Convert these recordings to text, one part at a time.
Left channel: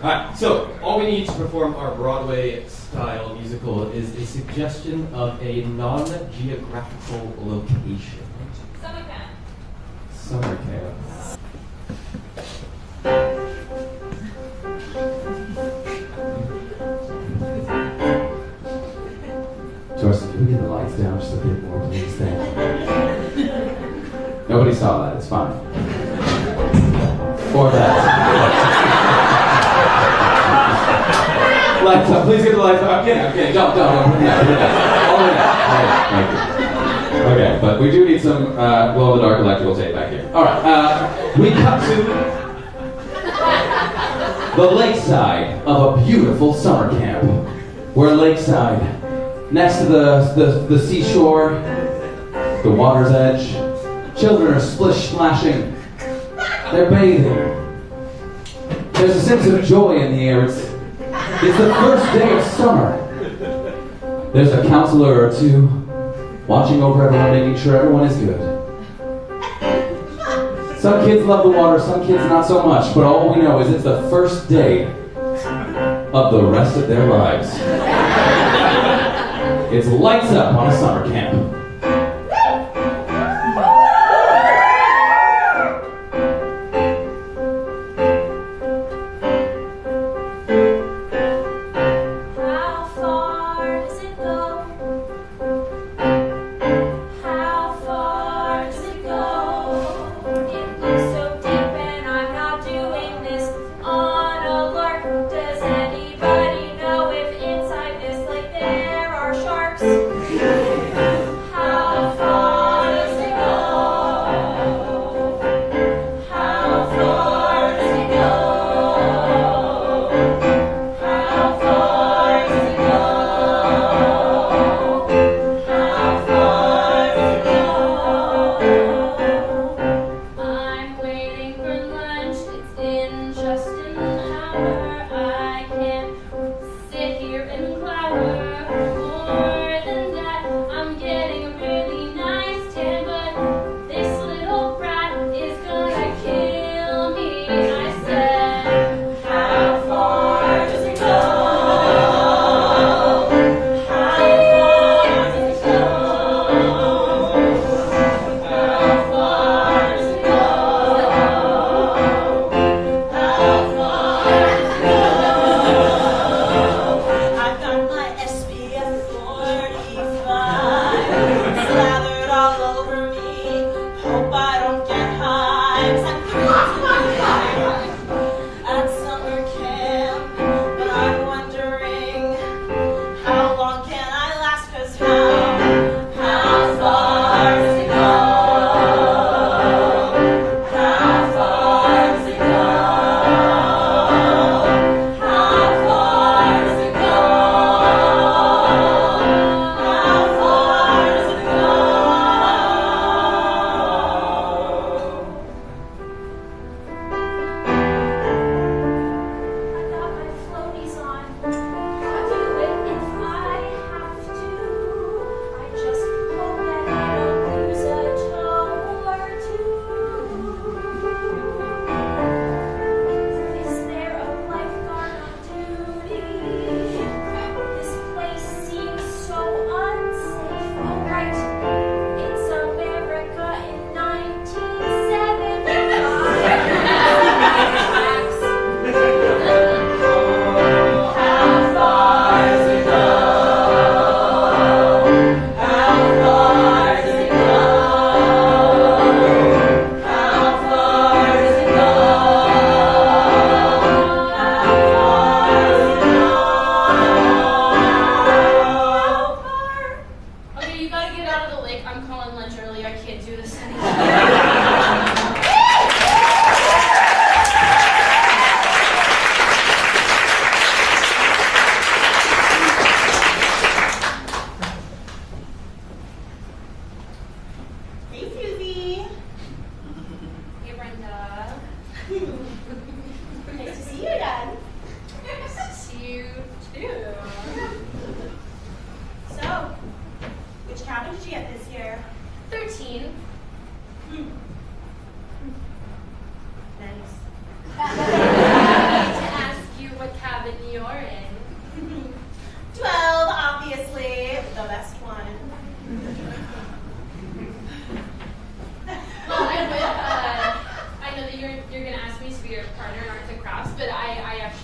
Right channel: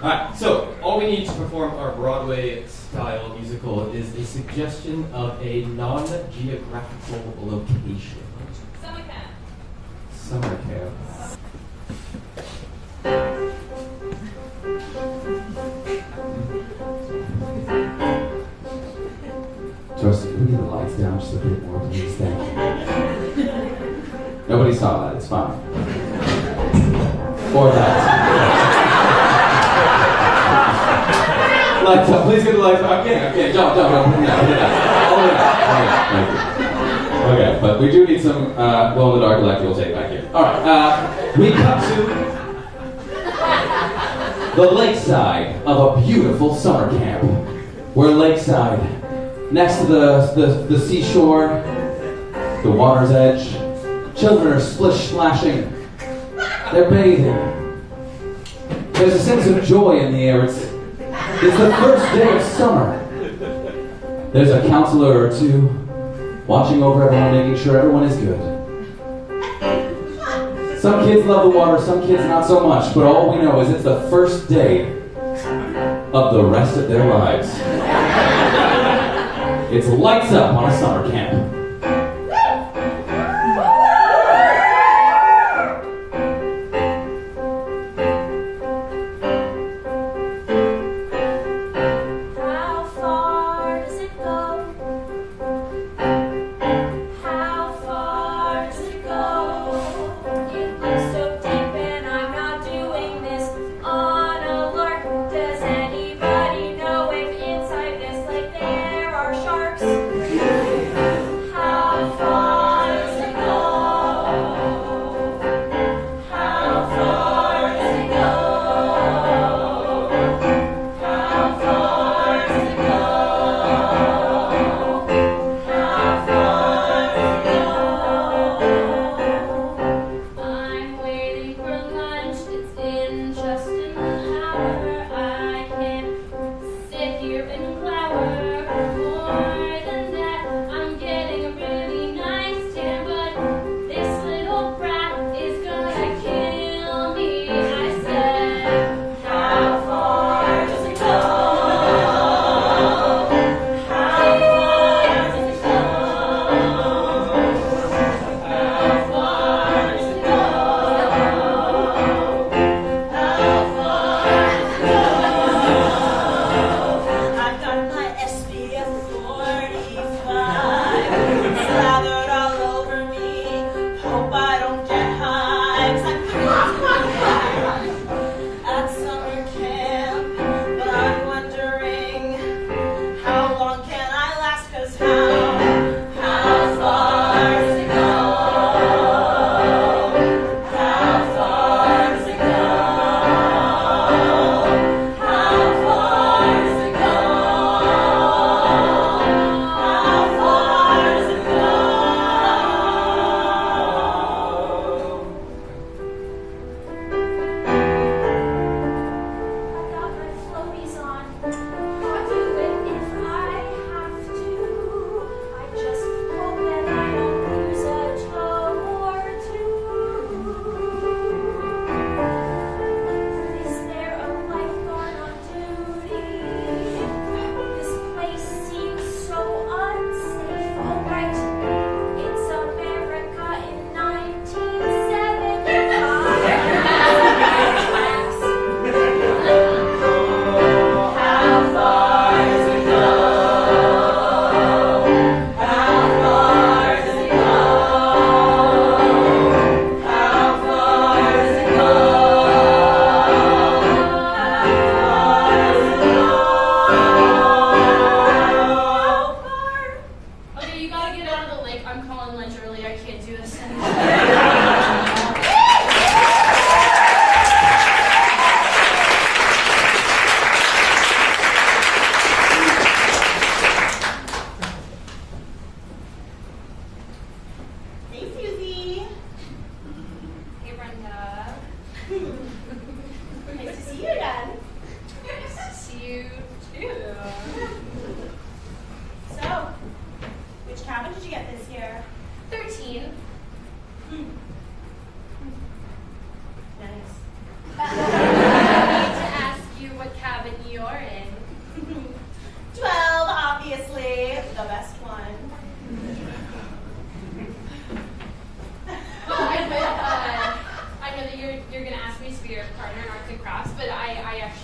Alright, so all we need to perform our Broadway-style musical is a suggestion of a non-geographical location. Summer camp. Summer camp. Joyce, can we get the lights down just a bit more, please? Thank you. Nobody saw that, it's fine. Or that. Lights up, please get the lights up. Okay, don't. All the way down. Thank you. Okay, but we do need some glow-in-the-dark electrical tape back here. Alright, we cut to the lakeside of a beautiful summer camp. We're lakeside, next to the seashore, the water's edge. Children are splish-splashing. They're bathing. There's a sense of joy in the air. It's the first day of summer. There's a counselor or two watching over everyone, making sure everyone is good. Some kids love the water, some kids not so much, but all we know is it's the first day of the rest of their lives. It's lights up on a summer camp.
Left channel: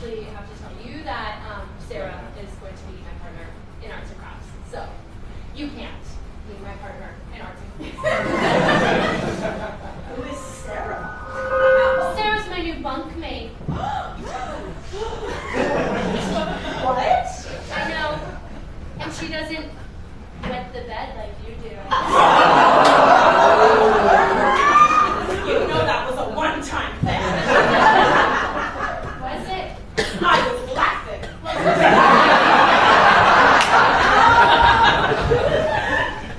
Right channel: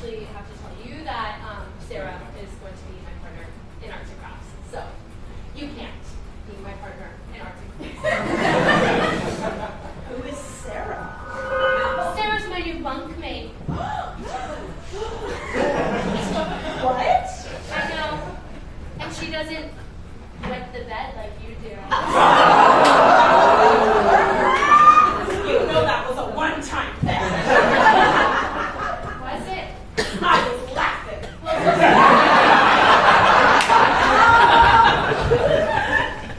actually have to tell you that Sarah is going to be my partner in arts and crafts. So you can't be my partner in arts and crafts. Who is Sarah? Sarah's my new bunkmate. What? I know. And she doesn't wet the bed like you do. You know that was a one-time thing. Was it? I was laughing.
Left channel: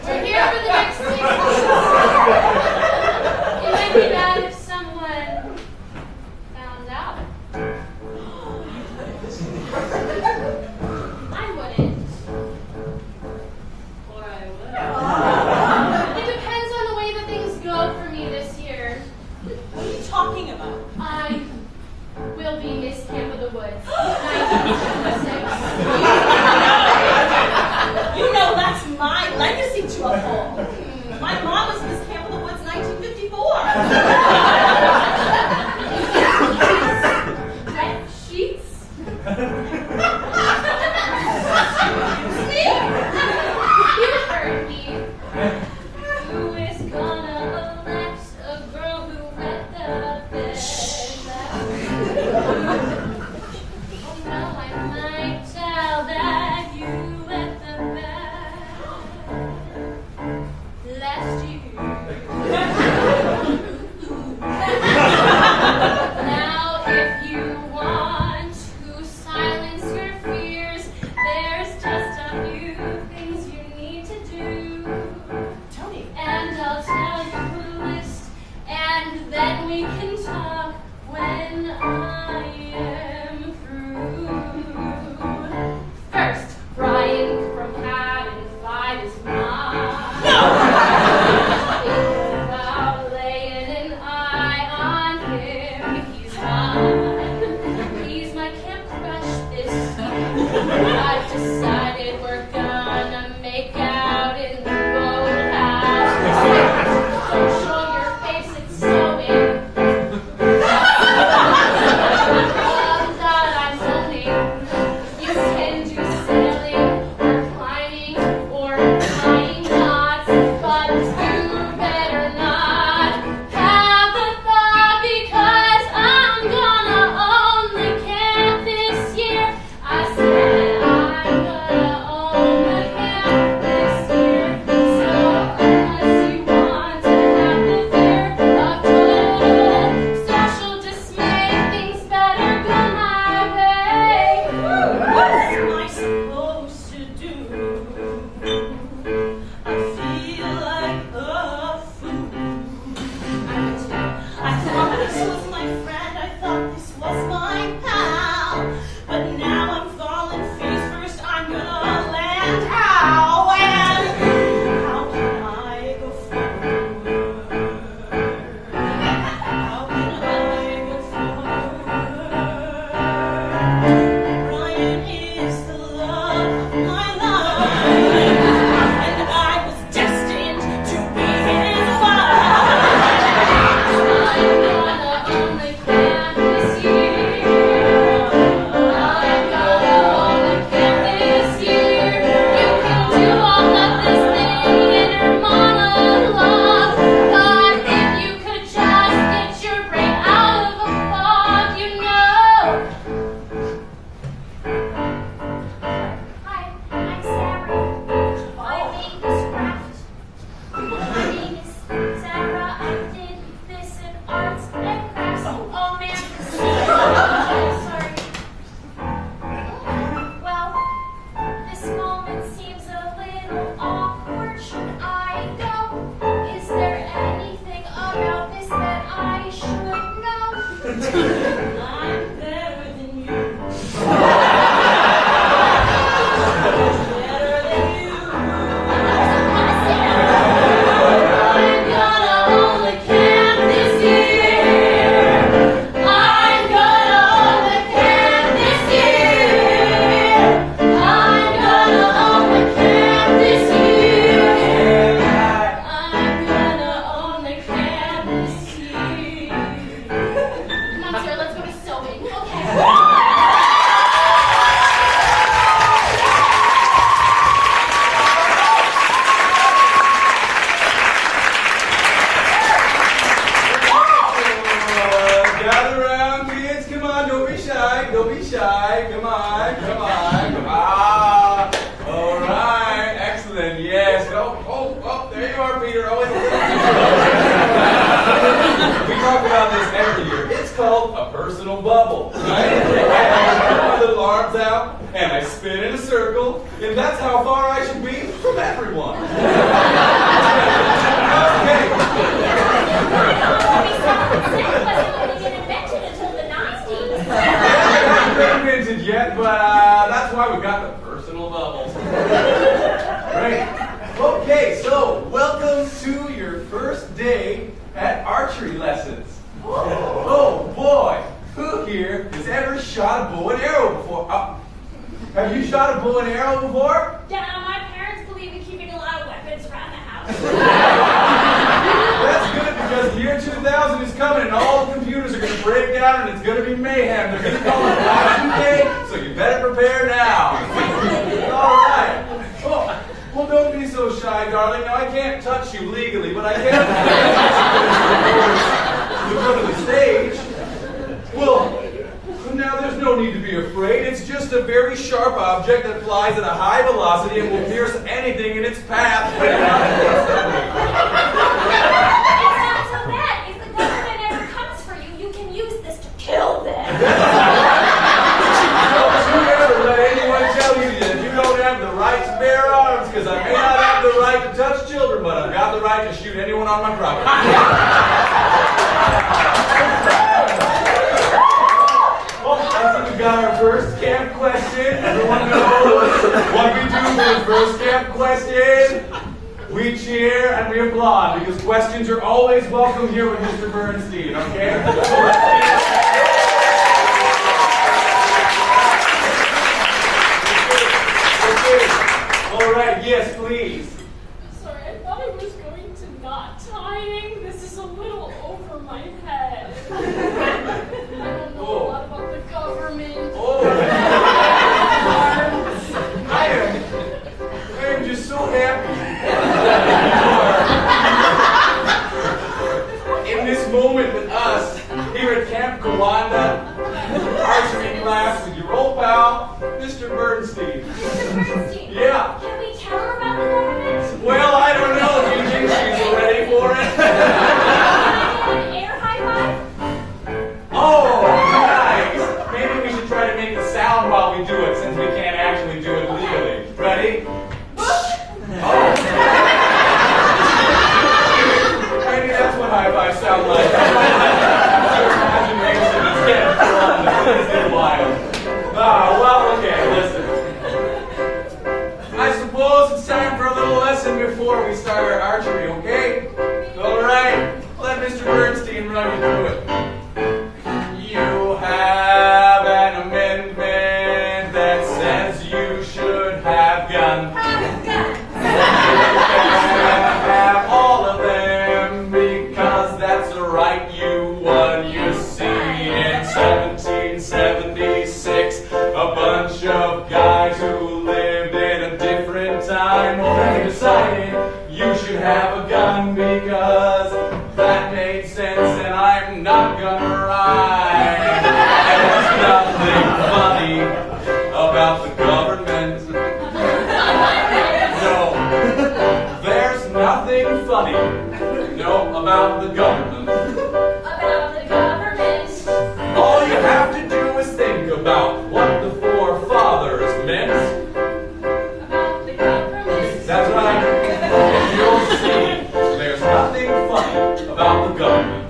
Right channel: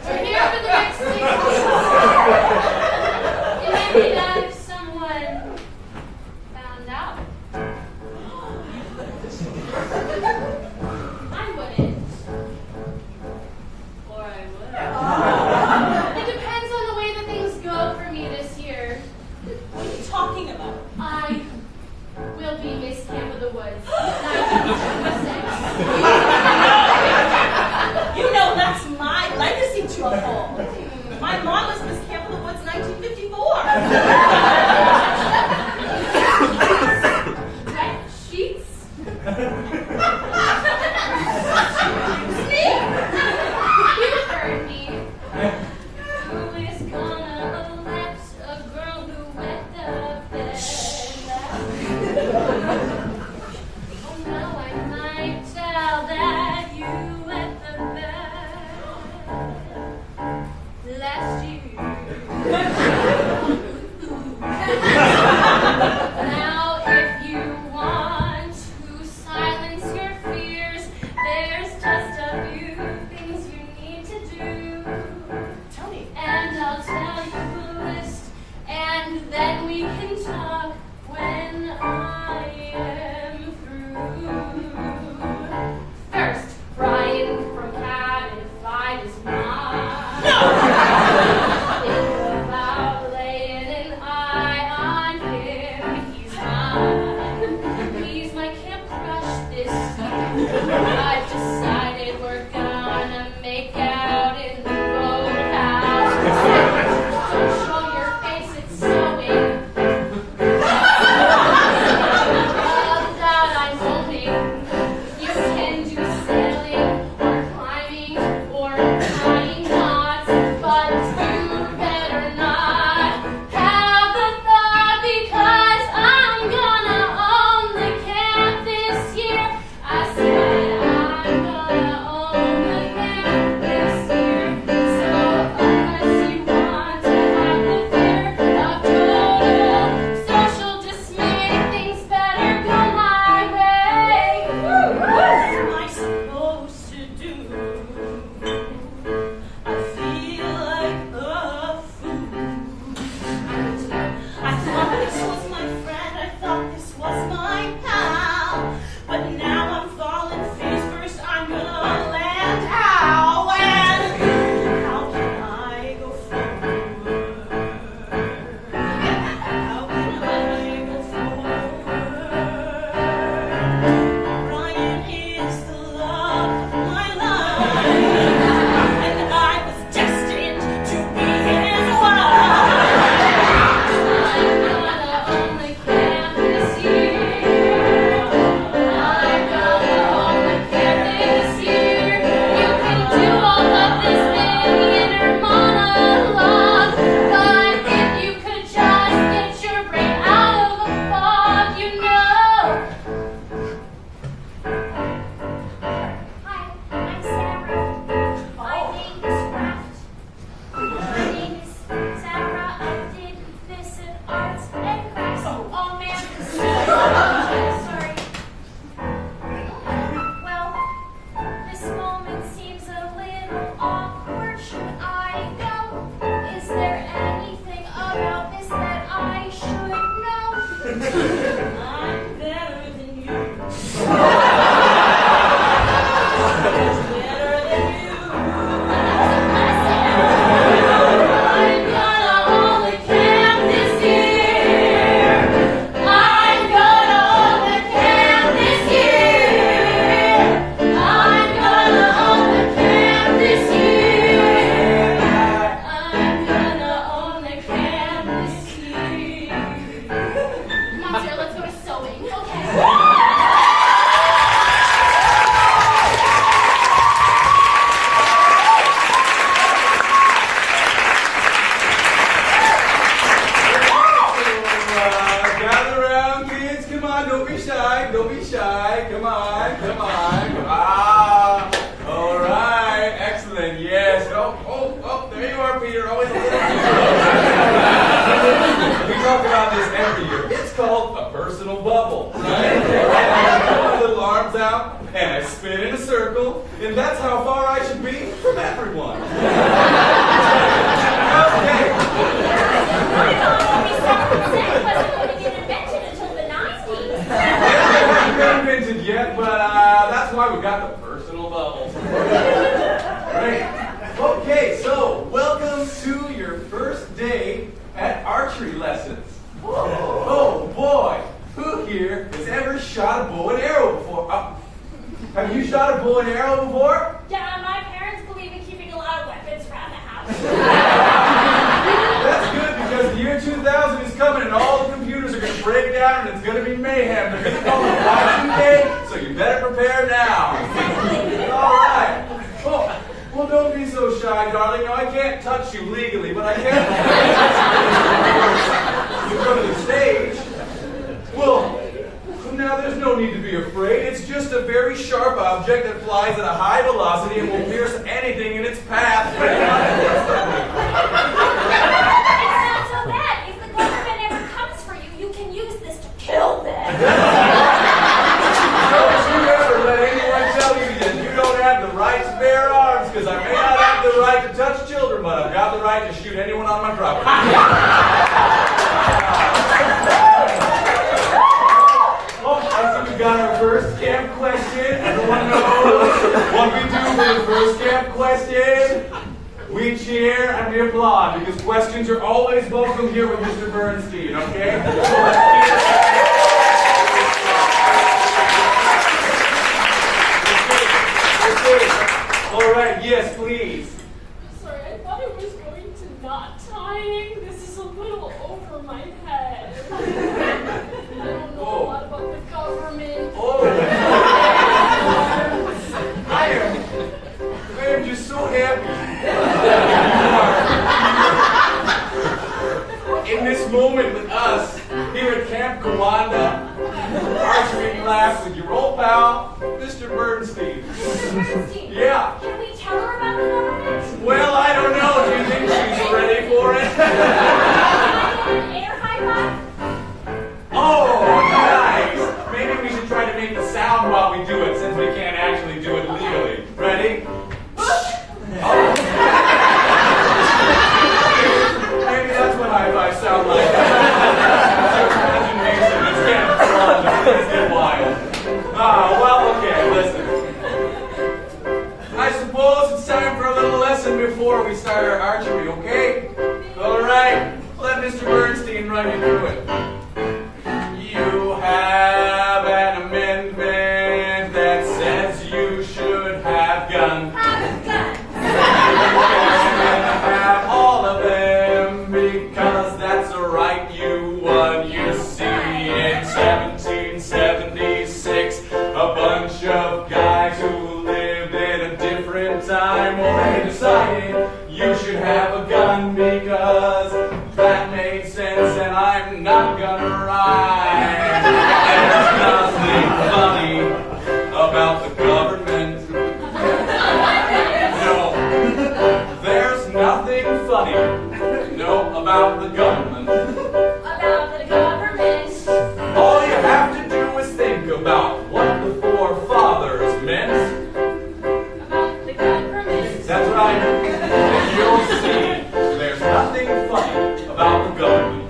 We're here for the next 6 weeks. It might be bad if someone found out. I wouldn't. Or I would. It depends on the way that things go for me this year. What are you talking about? I will be Miss Camp of the Woods, 1976. You know that's my legacy to uphold. My mom was Miss Camp of the Woods 1954. Wet sheets? See? You heard me. Who is gonna elect a girl who wet the bed? Oh, now I might tell that you wet the bed. shy. Don't be shy. Come on. Ah. All right. Excellent. Yes. Oh, there you are, Peter. Always a little too close. We talk about this every year. It's called a personal bubble, right? And I put my little arms out, and I spin in a circle, and that's how far I should be from everyone. Okay. My mom always said consent wasn't going to get invented until the 90s. Yeah, it hasn't been invented yet, but that's why we got the personal bubble. Great. Okay, so welcome to your first day at archery lessons. Oh boy, who here has ever shot a bow and arrow before? Have you shot a bow and arrow before? Yeah, my parents believe in keeping a lot of weapons around the house. That's good because the year 2000 is coming and all the computers are going to break down and it's going to be mayhem. They're going to call it Y2K, so you better prepare now. All right. Well, don't be so shy, darling. Now, I can't touch you legally, but I can you go to the stage. Well, now there's no need to be afraid. It's just a very sharp object that flies at a high velocity and will pierce anything in its path. It's not so bad. If the government ever comes for you, you can use this to kill them. Don't you ever let anyone tell you that you don't have the right to bear arms, because I may not have the right to touch children, but I've got the right to shoot anyone on my property. Oh, I think we got our first camp question. Everyone knows what we do for the first camp question. We cheer and we applaud because questions are always welcome here with Mr. Bernstein, okay? So let's cheer. Okay. All right, yes, please. Sorry, I thought it was going to knot tying. This is a little over my head. I don't know a lot about the government. I am just so happy in this moment with us here at Camp Kawanda, archery class with your old pal, Mr. Bernstein. Mr. Bernstein? Yeah. Can we tell her about the government? Well, I don't know. Do you think she's ready for it? Air high five? Oh, nice. Maybe we should try to make the sound while we do it, since we can't actually do it legally. Ready? Oh. Maybe that's what high fives sound like. Your imagination is getting fun. It's been wild. Well, okay, listen. I suppose it's time for a little lesson before we start our archery, okay? All right, let Mr. Bernstein run you through it. You have an amendment that says you should have guns. Have all of them because that's a right you won. You see, in 1776, a bunch of guys who lived in a different time already decided you should have a gun because that made sense, and I'm not gonna rhyme. There's nothing funny about the government. No, there's nothing funny, about the government. About the government. All you have to do is think about what the forefathers meant. About the government. That's right. And you'll see there's nothing funny about the government.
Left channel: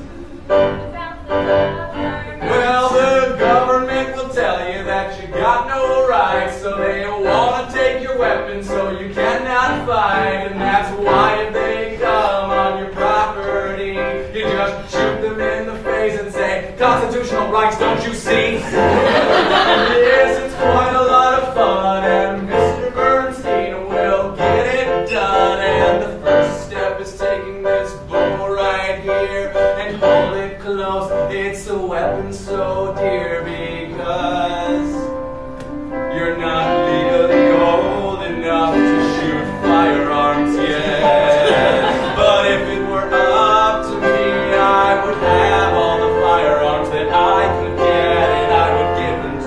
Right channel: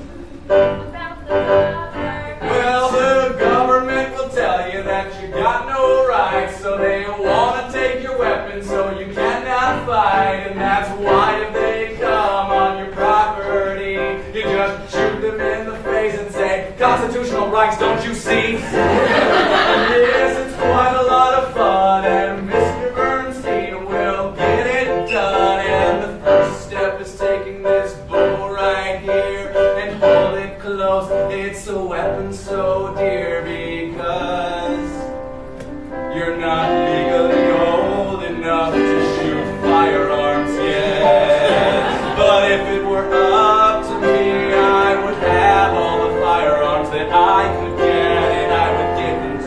About the government. Well, the government will tell you that you got no rights, so they want to take your weapons so you cannot fight, and that's why if they come on your property, you just shoot them in the face and say, constitutional rights, don't you see? And yes, it's quite a lot of fun, and Mr. Bernstein will get it done, and the first step is taking this bow right here and hold it close. It's a weapon so dear because you're not legally old enough to shoot firearms yet. But if it were up to me, I would have all the firearms that I could get, and I would give them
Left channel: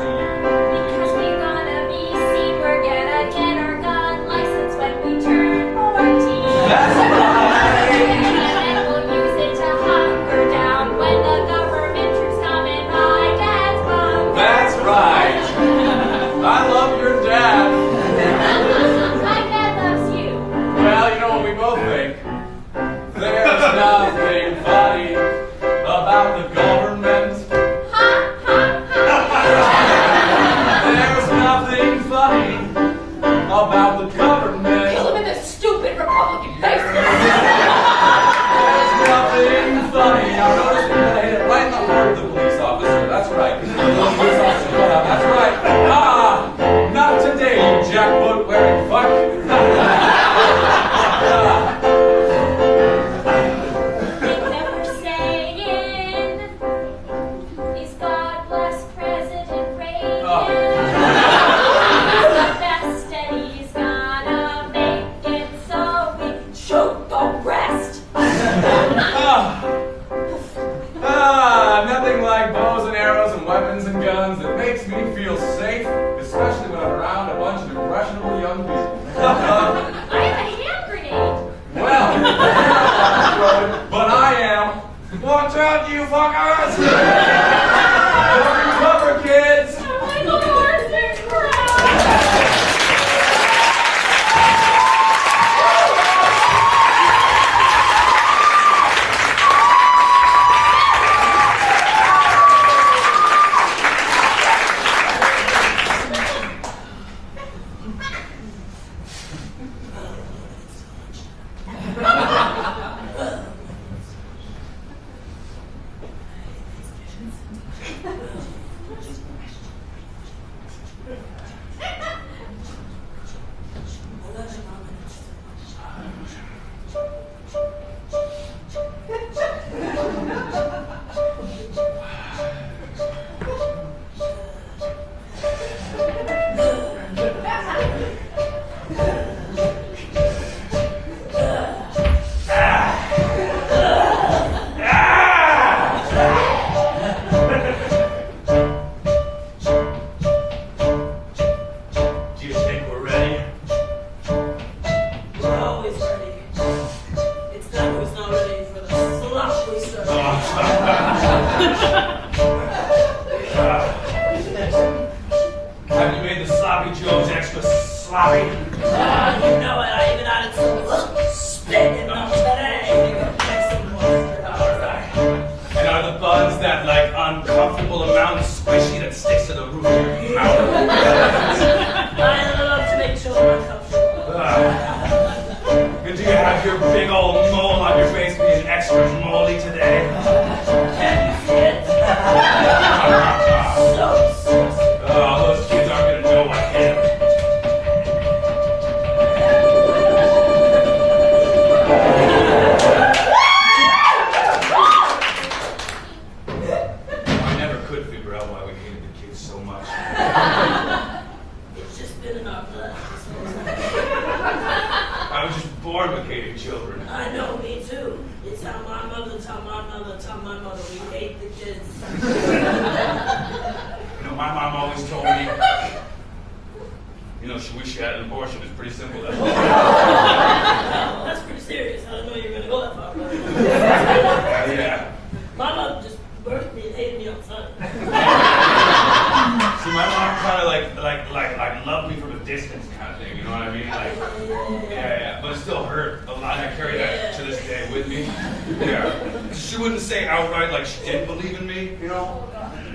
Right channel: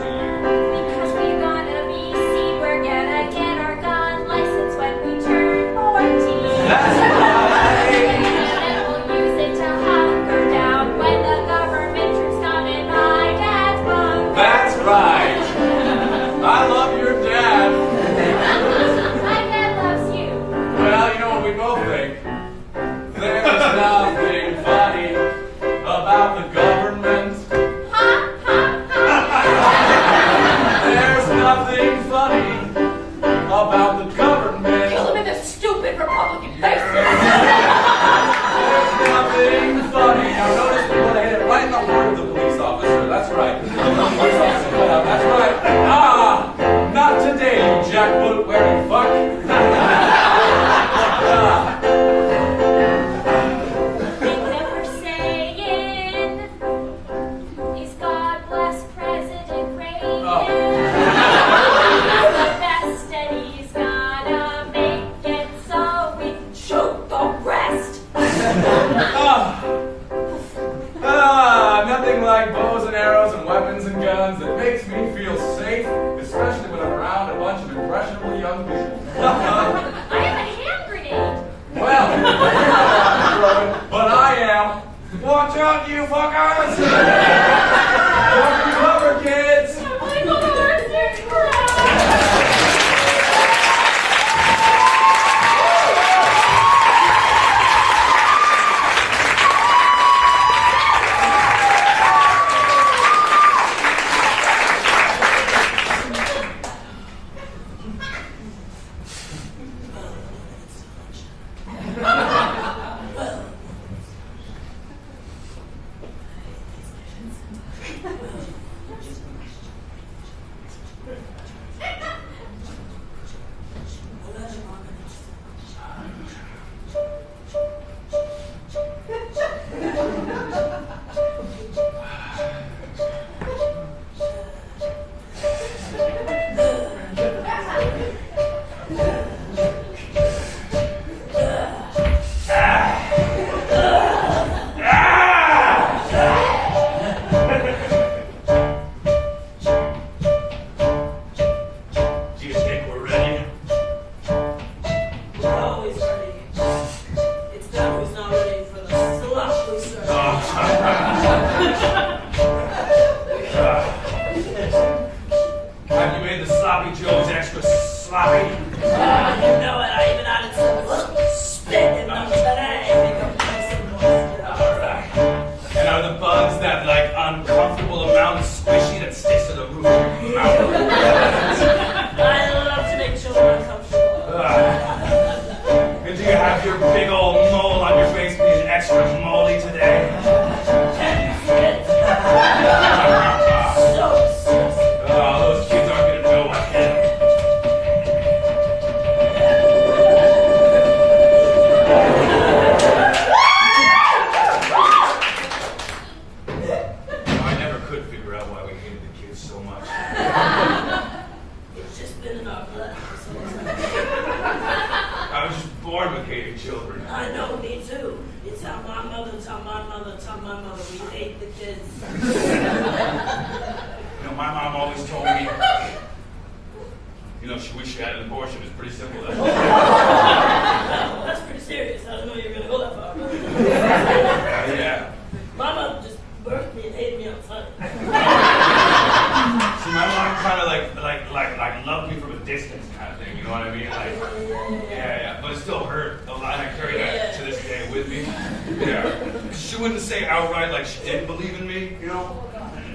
feel safe, especially when I'm around a bunch of impressionable young people. I have a hand grenade. Well, you're not throwing, but I am. Watch out, you fuckers! Cover, kids! Michael Morrison, crap!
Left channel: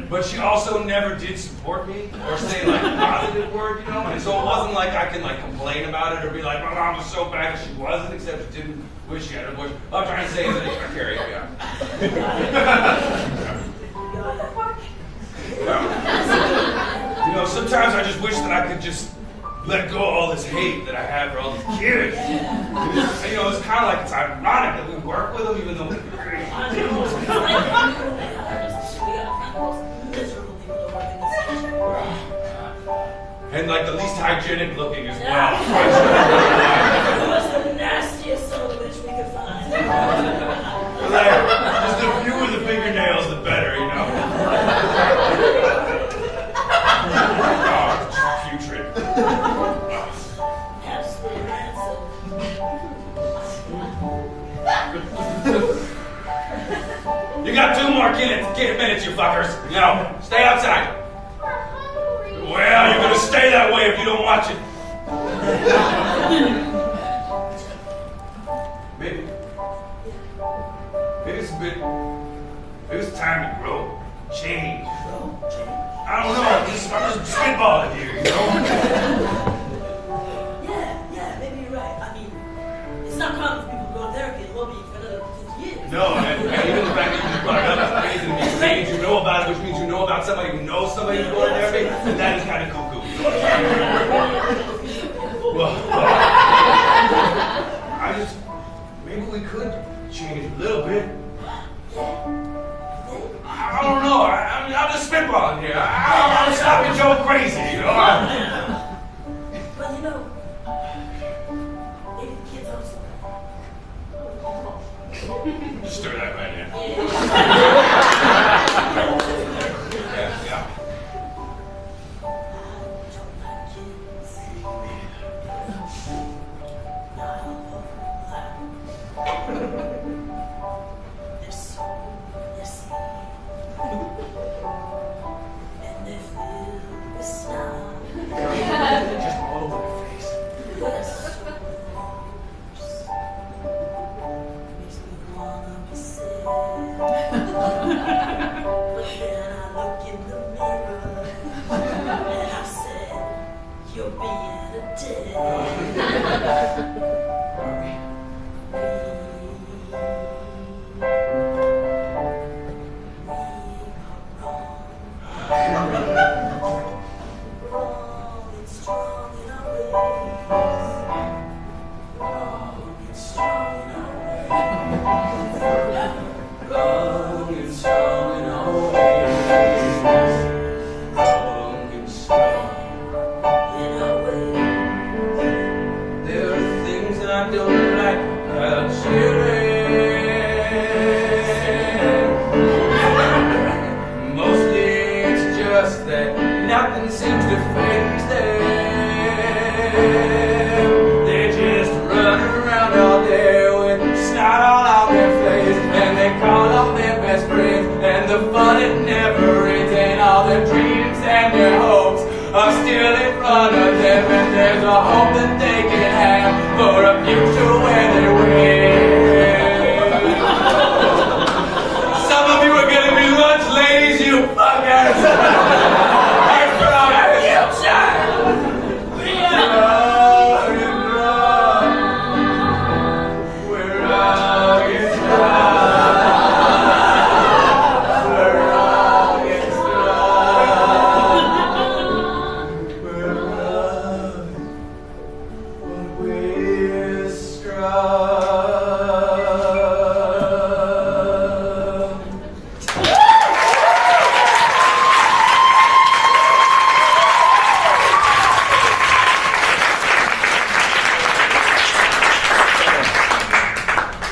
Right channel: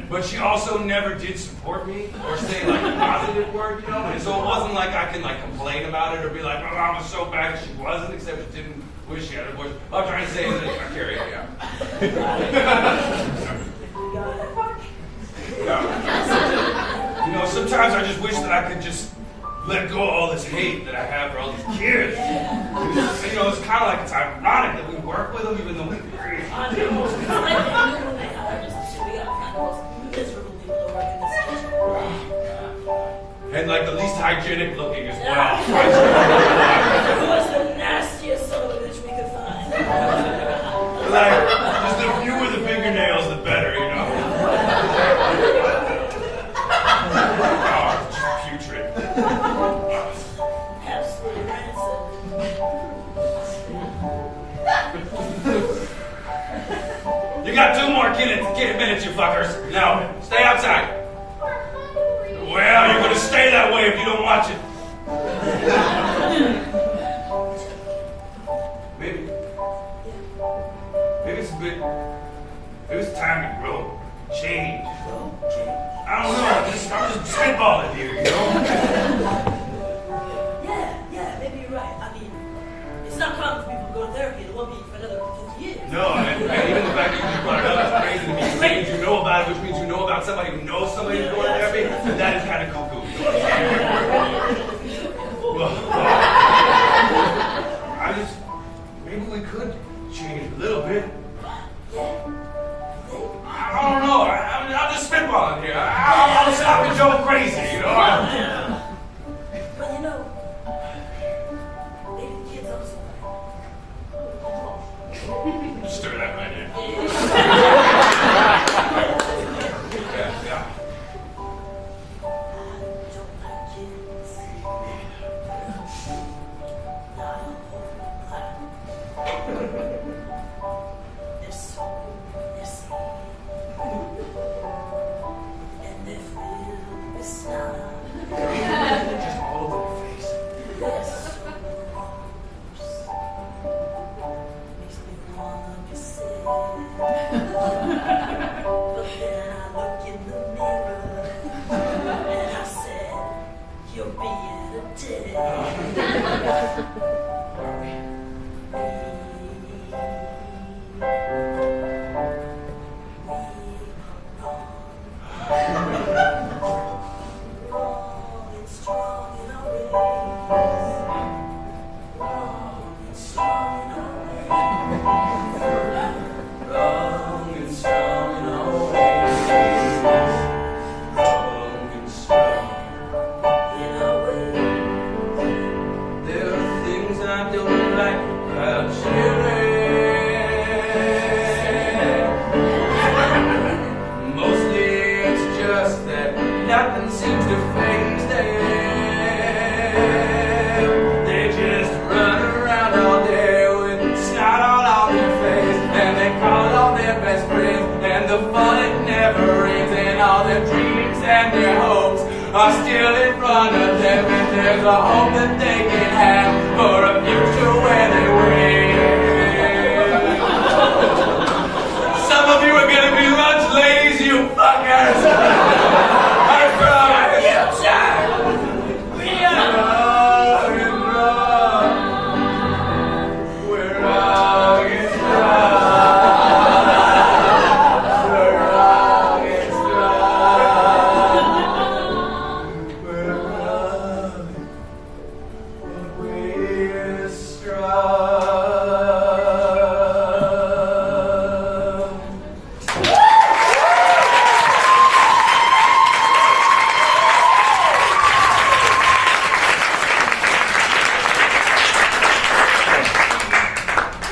But she also never did support me or say like a positive word, you know? And so it wasn't like I can like complain about it or be like, my mom was so bad, she wasn't, except she didn't wish she had an abortion. All I'm trying to say is that Carrie, yeah. You know, sometimes I just wish that I could just let go of all this hate that I have for all these kids. You know, it's kind of like it's ironic that we work with them even though we're crazy. I know. It's like they knew when they hired us. We got to find the most miserable people to work in this country. And like the least hygienic looking as well. It was the nastiest son of a bitch we could find. Like, just the fewer the fingernails, the better, you know? Oh, it's just putrid. Absolutely rancid. You got 2 more minutes, you fuckers. Now, stay outside. We're hungry. Well, you're gonna stay that way if you don't watch it. Maybe it's time to grow, change. I don't know. I'm just spitballing here, you know. Yeah, maybe you're right. I mean, it's not common for people to go to therapy. It won't be for another 50 years. No, and even the fact that you just brought it up is crazy to me. Saying you know about it, which means you know about somebody who knows somebody who's going to therapy, and that is kind of cuckoo. You know what I'm saying? Maybe we could change a little bit. I don't know. I'm just spitballing here. I don't want to stop you, Joe, crazy, you know? But you know, maybe the kids aren't so bad. Stir that right in. Yeah. defames them. They just run around all day with snot all on their face, and they call all their best friends, and the fun it never ends, and all their dreams and their hopes are still in front of them, and there's a hope that they can have for a future where they win. Some of you are gonna be lunch ladies, you fuckers! I promise! Future! We are we're all in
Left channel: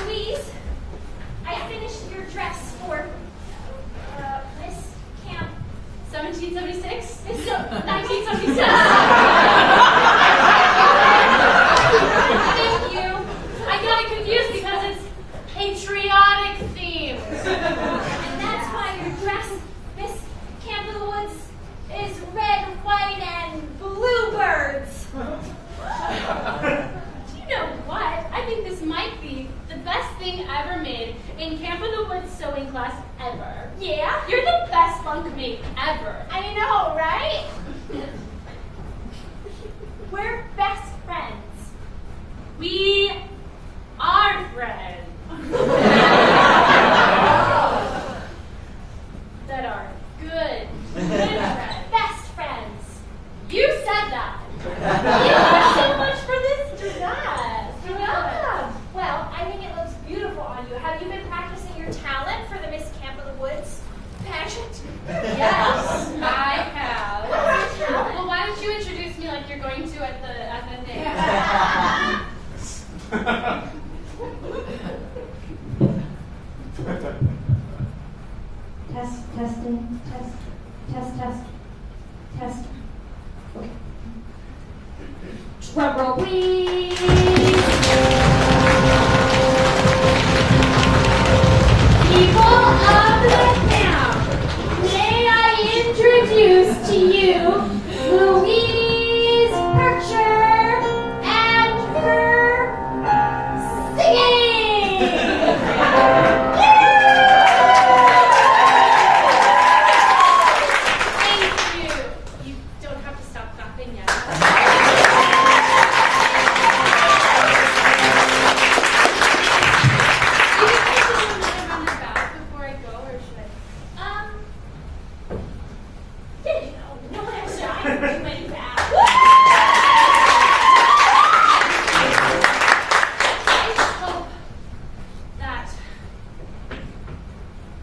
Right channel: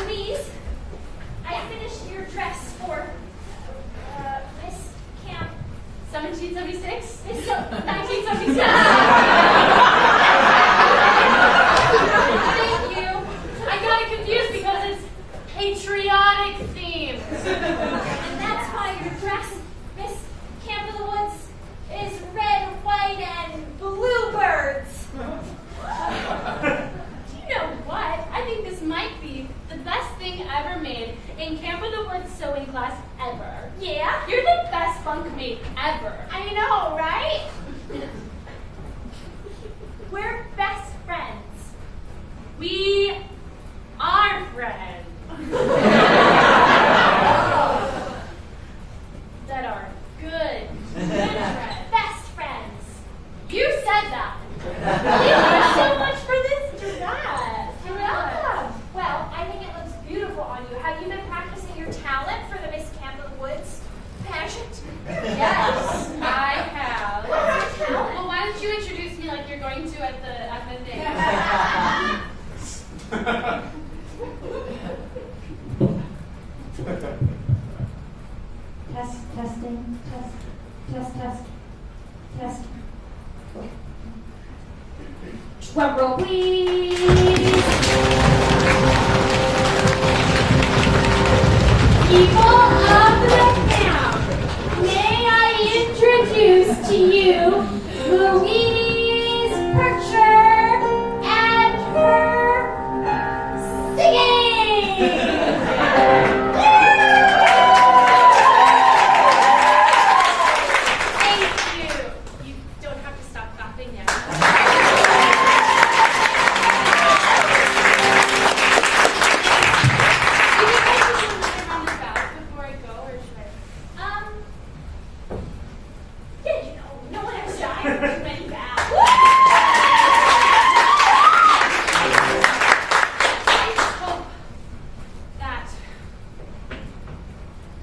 Louise, I finished your dress for Miss Camp 1776? Miss 1976. Thank you. I got it confused because it's patriotic themed. And that's why your dress, Miss Camp of the Woods, is red, white, and bluebirds. Do you know what? I think this might be the best thing ever made in Camp of the Woods sewing class ever. Yeah? You're the best bunkmate ever. I know, right? We're best friends. We are friends. That are good friends. Best friends. You said that. Thank you so much for this dress. You're welcome. Well, I think it looks beautiful on you. Have you been practicing your talent for the Miss Camp of the Woods pageant? Yes, I have. What's your talent? Well, why don't you introduce me like you're going to at the thing? Test. Drum roll, please. People of the camp, may I introduce to you Louise Percher and her singing. Thank you. You don't have to stop clapping yet. You think I should do another round of bows before I go, or should I? Yeah, you know, no one has time for too many bows. I just hope that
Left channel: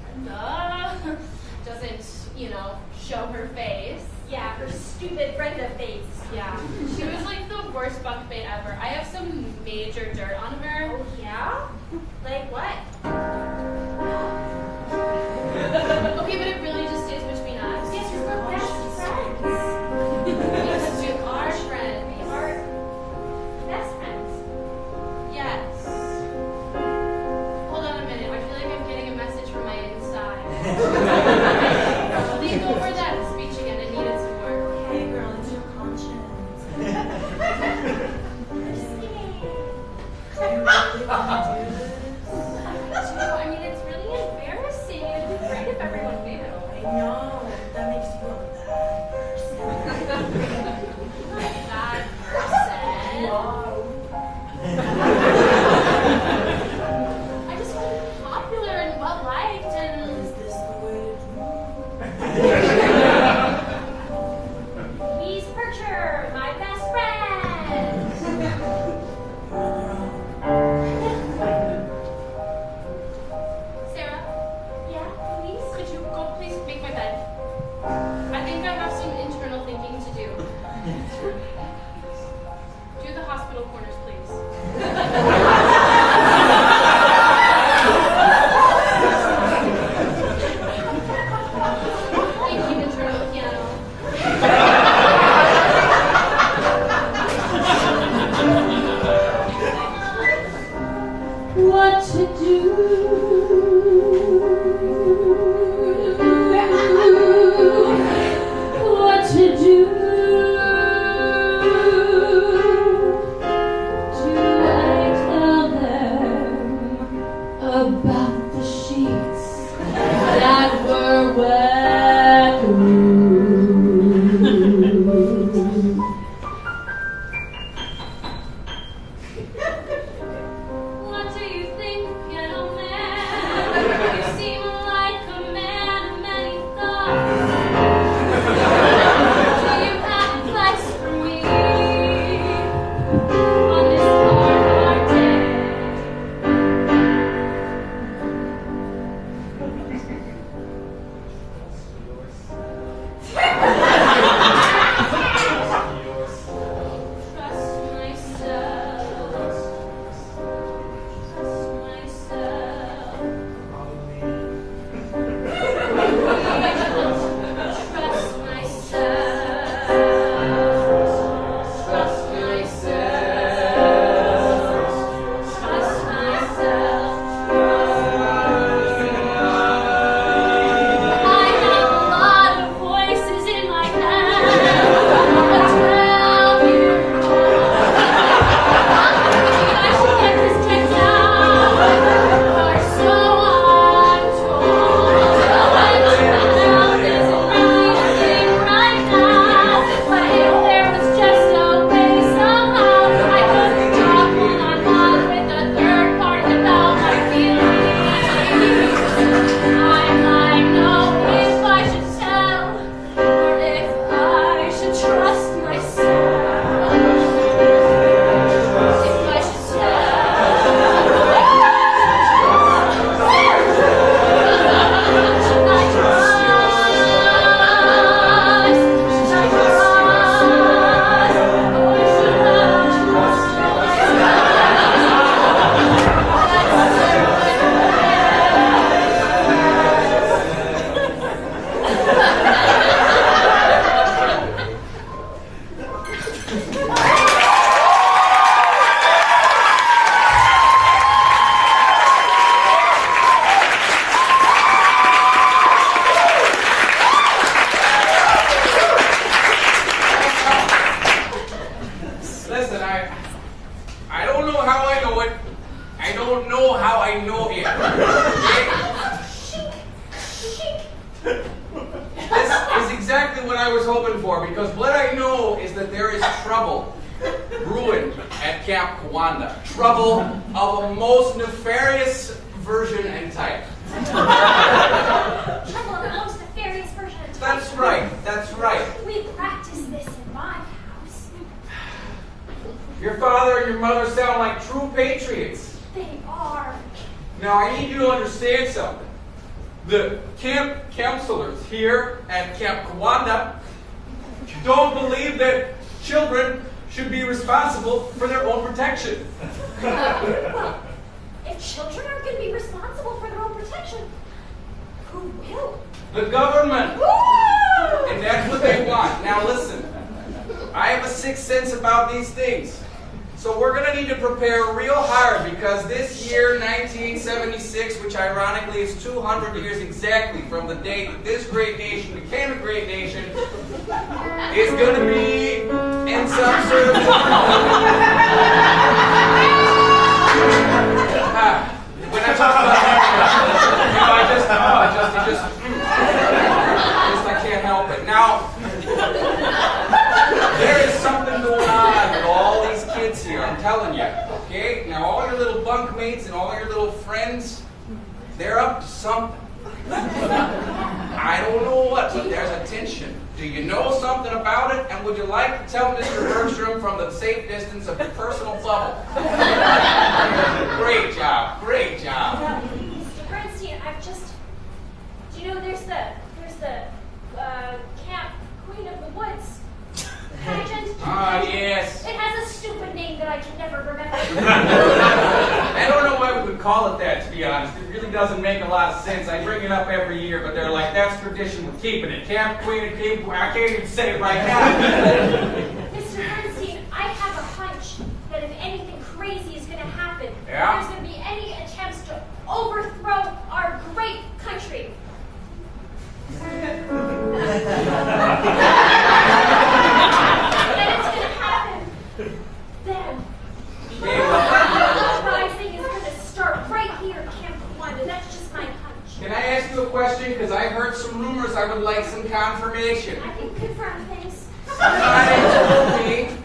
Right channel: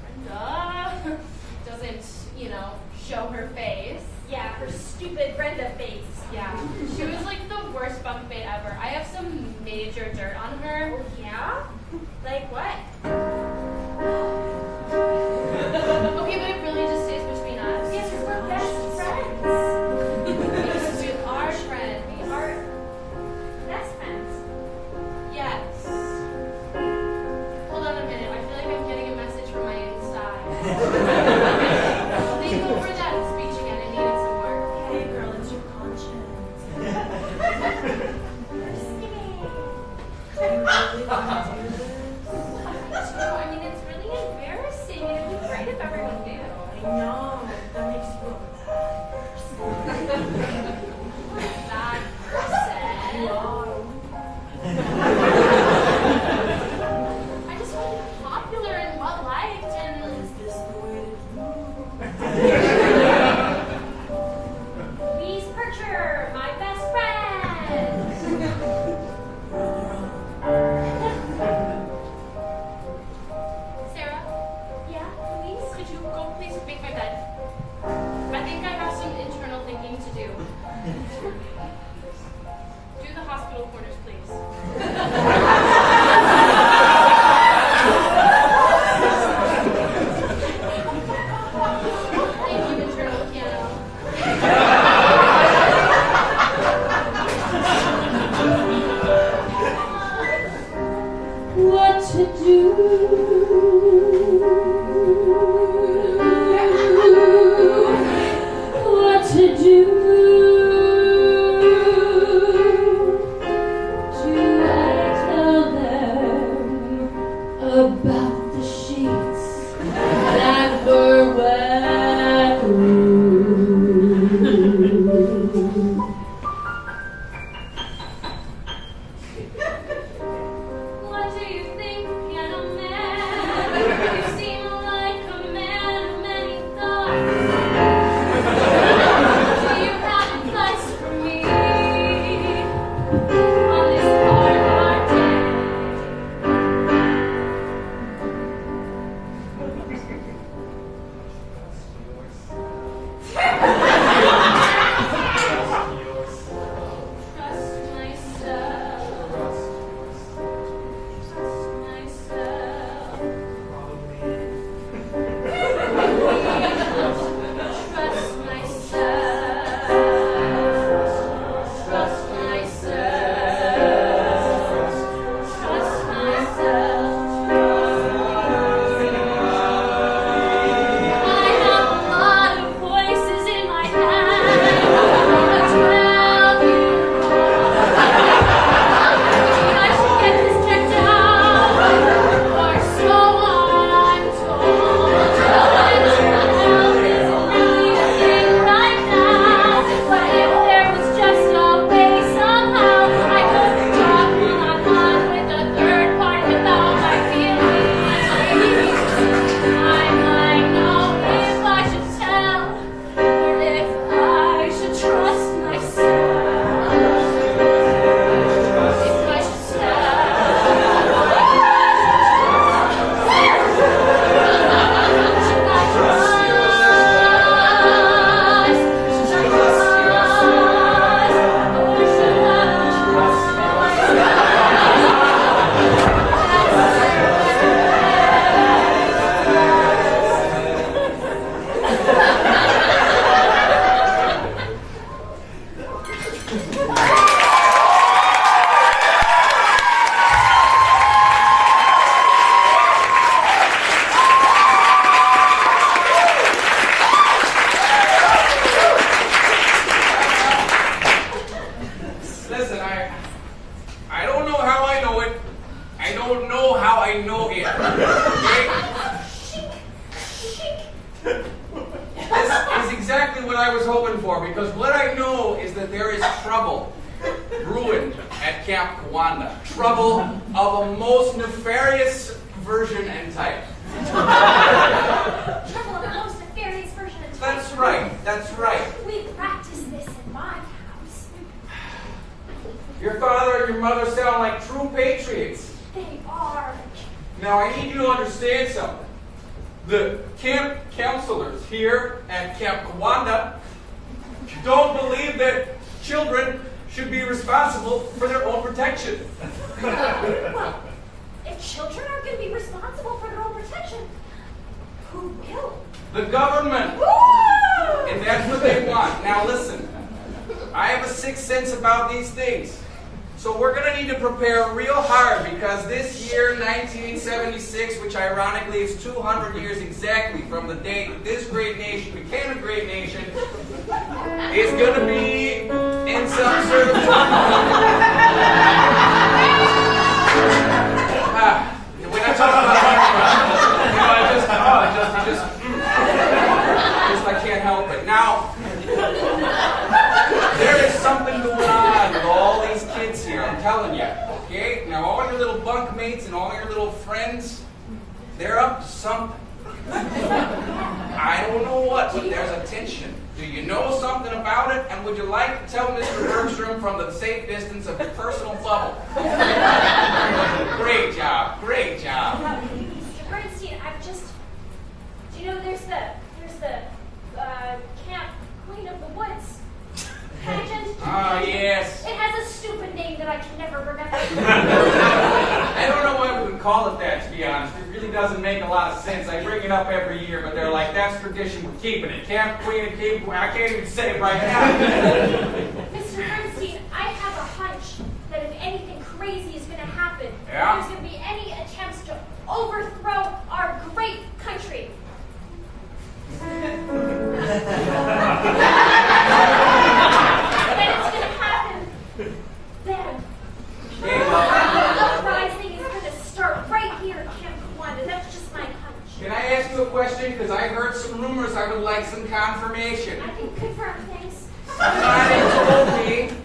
Brenda doesn't, show her face. Yeah, her stupid Brenda face. Yeah, she was like the worst bunkmate ever. I have some major dirt on her. Oh, yeah? Like what? Okay, but it really just stays between us. Yes, we're best friends. Because we are friends. We are best friends. Yes. Hold on a minute. I feel like I'm getting a message from my inside. Think over that speech again. I needed some work. Hey, girl, it's your conscience. Just kidding. Do you really want to do this? I mean, it's really embarrassing. It'd be great if everyone knew. I know. That makes you a bad person. Bad person. You are. I just want to be popular and well liked and. Is this the way to do? Louise Percher, my best friend. know how I know it. Okay? This is exactly what I was hoping for, because what I know is that there is trouble brewing at Camp Kawanda. Trouble of a most nefarious version and type. Trouble of the most nefarious version of type. That's right, that's right. We practice this in my house. Your father and your mother sound like true patriots. They are. Now, I need you to understand something. The camp counselors here at Camp Kawanda don't believe that children should be responsible for their own protection. Well, if children aren't going to be responsible for their own protection, who will? The government. Woo! And that's what they want. Now listen, I have a sixth sense about these things. So we're going to need to prepare real hard, because this year, 1976, which ironically is 200 years exactly from the date that this great nation became a great nation, is going to be in some sort of when I talk about I can't help it. Now, there is something going on with all these kids here, I'm telling you, okay? Now, all your little bunkmates and all your little friends, they're up to something. I don't know what, but there's a tension. Do you know something about it? And would you like to tell Mr. Bergstrom from the safe distance of your personal bubble? Great job, great job. Mr. Bernstein, I've just... Do you know there's the Camp Queen of the Woods pageant? Ah, yes. It has a stupid name that I can never remember. I don't know why we would call it that, to be honest. It really doesn't make a lot of sense. I bring it up every year, but they're like, that's tradition, we're keeping it. Camp Queen and King Queen. I can't even say it right now. Mr. Bernstein, I have a hunch that if anything crazy is going to happen, Yeah? if there's going to be any attempts to overthrow our great country, then it's going to happen. Then Okay, the well, uprising is going to start right here at Camp Kawanda. That's just my hunch. can I ask you a question? Because I heard some rumors. I would like some confirmation. I can confirm things. Somebody told me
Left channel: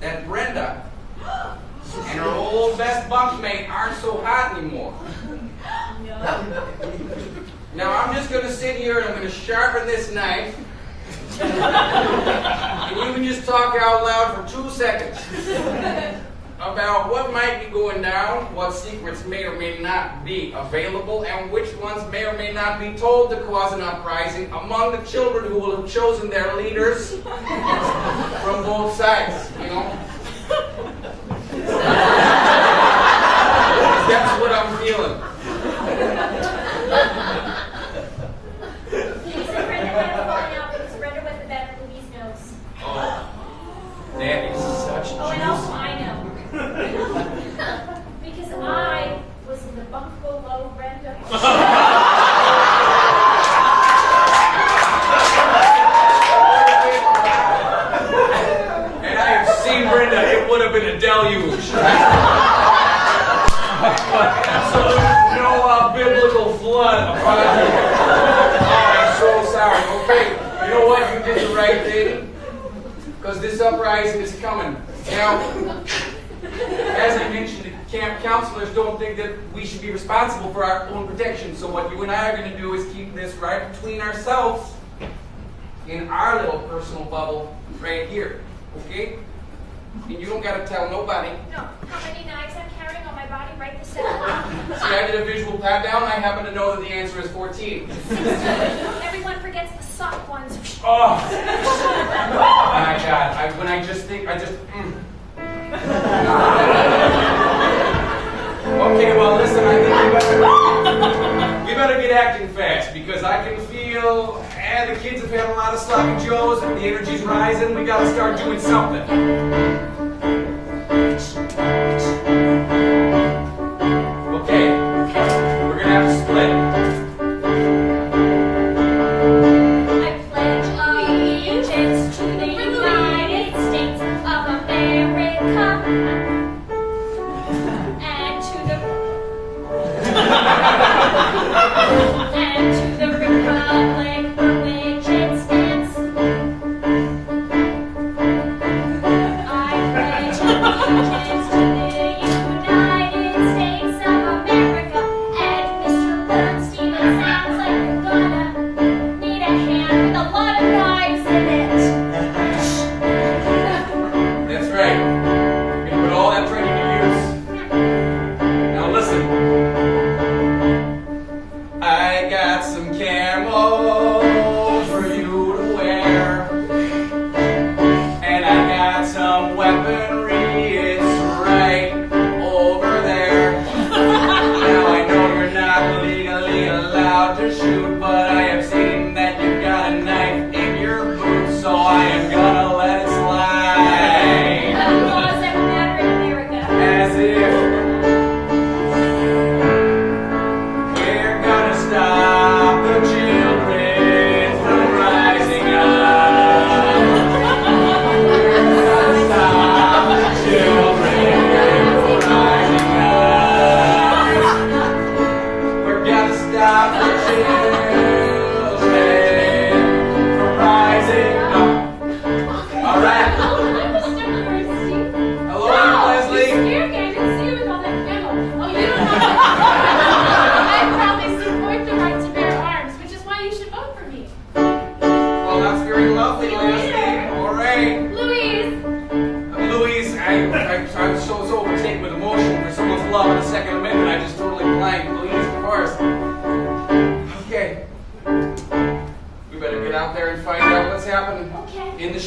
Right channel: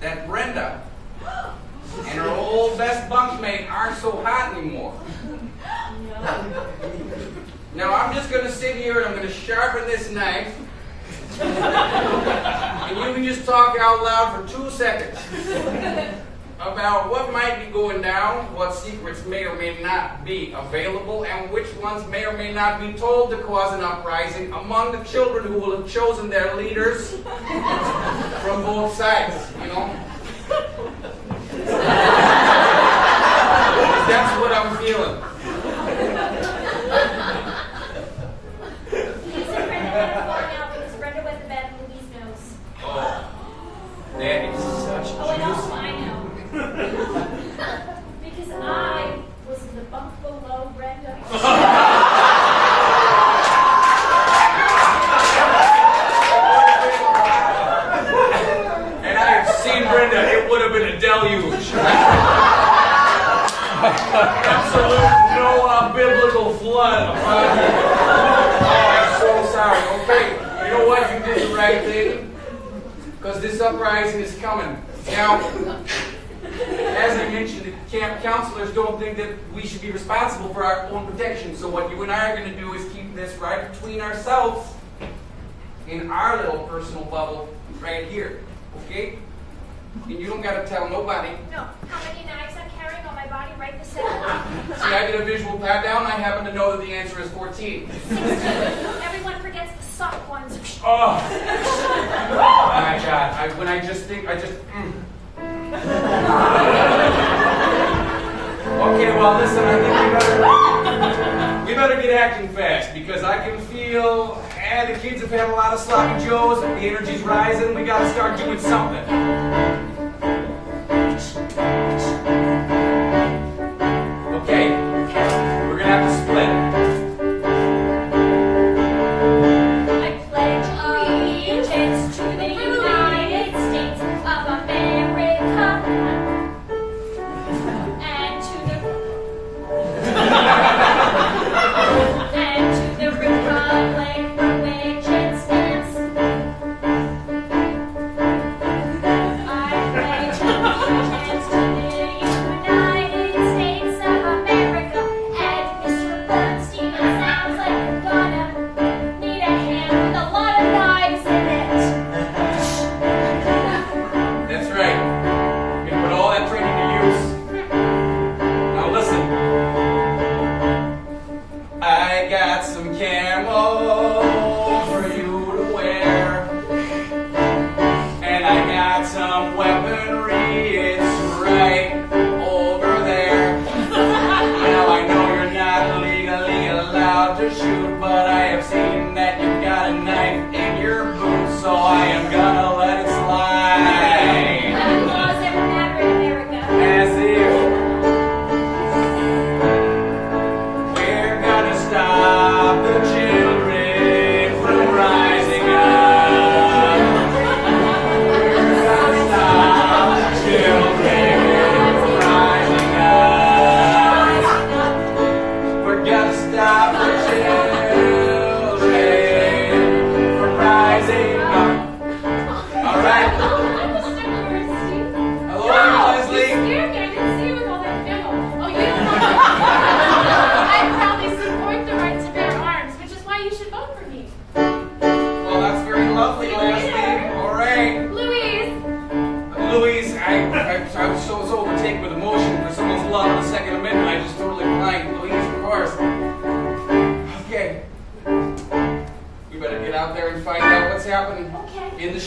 that Brenda and her old best bunkmate aren't so hot anymore. Now, I'm just going to sit here and I'm going to sharpen this knife. And you can just talk out loud for 2 seconds about what might be going down, what secrets may or may not be available, and which ones may or may not be told to cause an uprising among the children who will have chosen their leaders from both sides, you know? That's what I'm feeling. He said Brenda had a falling out because Brenda went to bed with Louie's nose. Oh, that is such Oh, and also I know. Because I was in the bunk below Brenda. And I have seen Brenda, it would have been a deluge. Absolute Noah biblical flood upon you. Oh, I'm so sorry. Okay, you know what? You did the right thing. Because this uprising is coming. Now, as I mentioned, the camp counselors don't think that we should be responsible for our own protection. So what you and I are going to do is keep this right between ourselves in our little personal bubble right here. Okay? And you don't got to tell nobody. No, how many knives I'm carrying on my body right this second? See, I did a visual pat down. I happen to know that the answer is 14. 16. Everyone forgets the sock ones. Oh, my God. When I just think, Okay, well, listen, I think we better get acting fast, because I can feel, the kids have had a lot of sloppy joes, and the energy's rising. We got to start doing something. Okay, we're going to have to split. I pledge allegiance to the United States of America and to the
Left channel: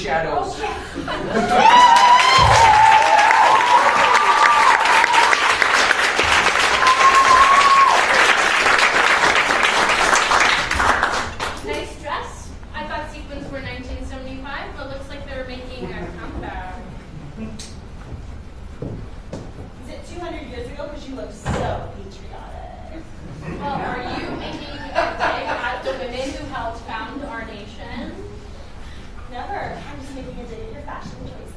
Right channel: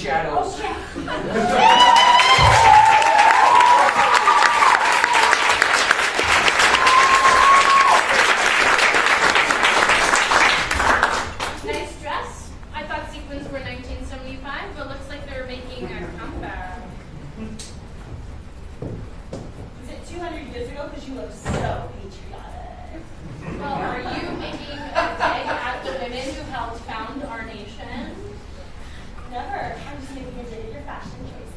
shadows. Nice dress. I thought sequins were 1975, but looks like they're making a comeback. Is it 200 years ago? Because you look so patriotic. Well, are you making a dig at the women who helped found our nation? Never. I'm just making a dig at your fashion choices.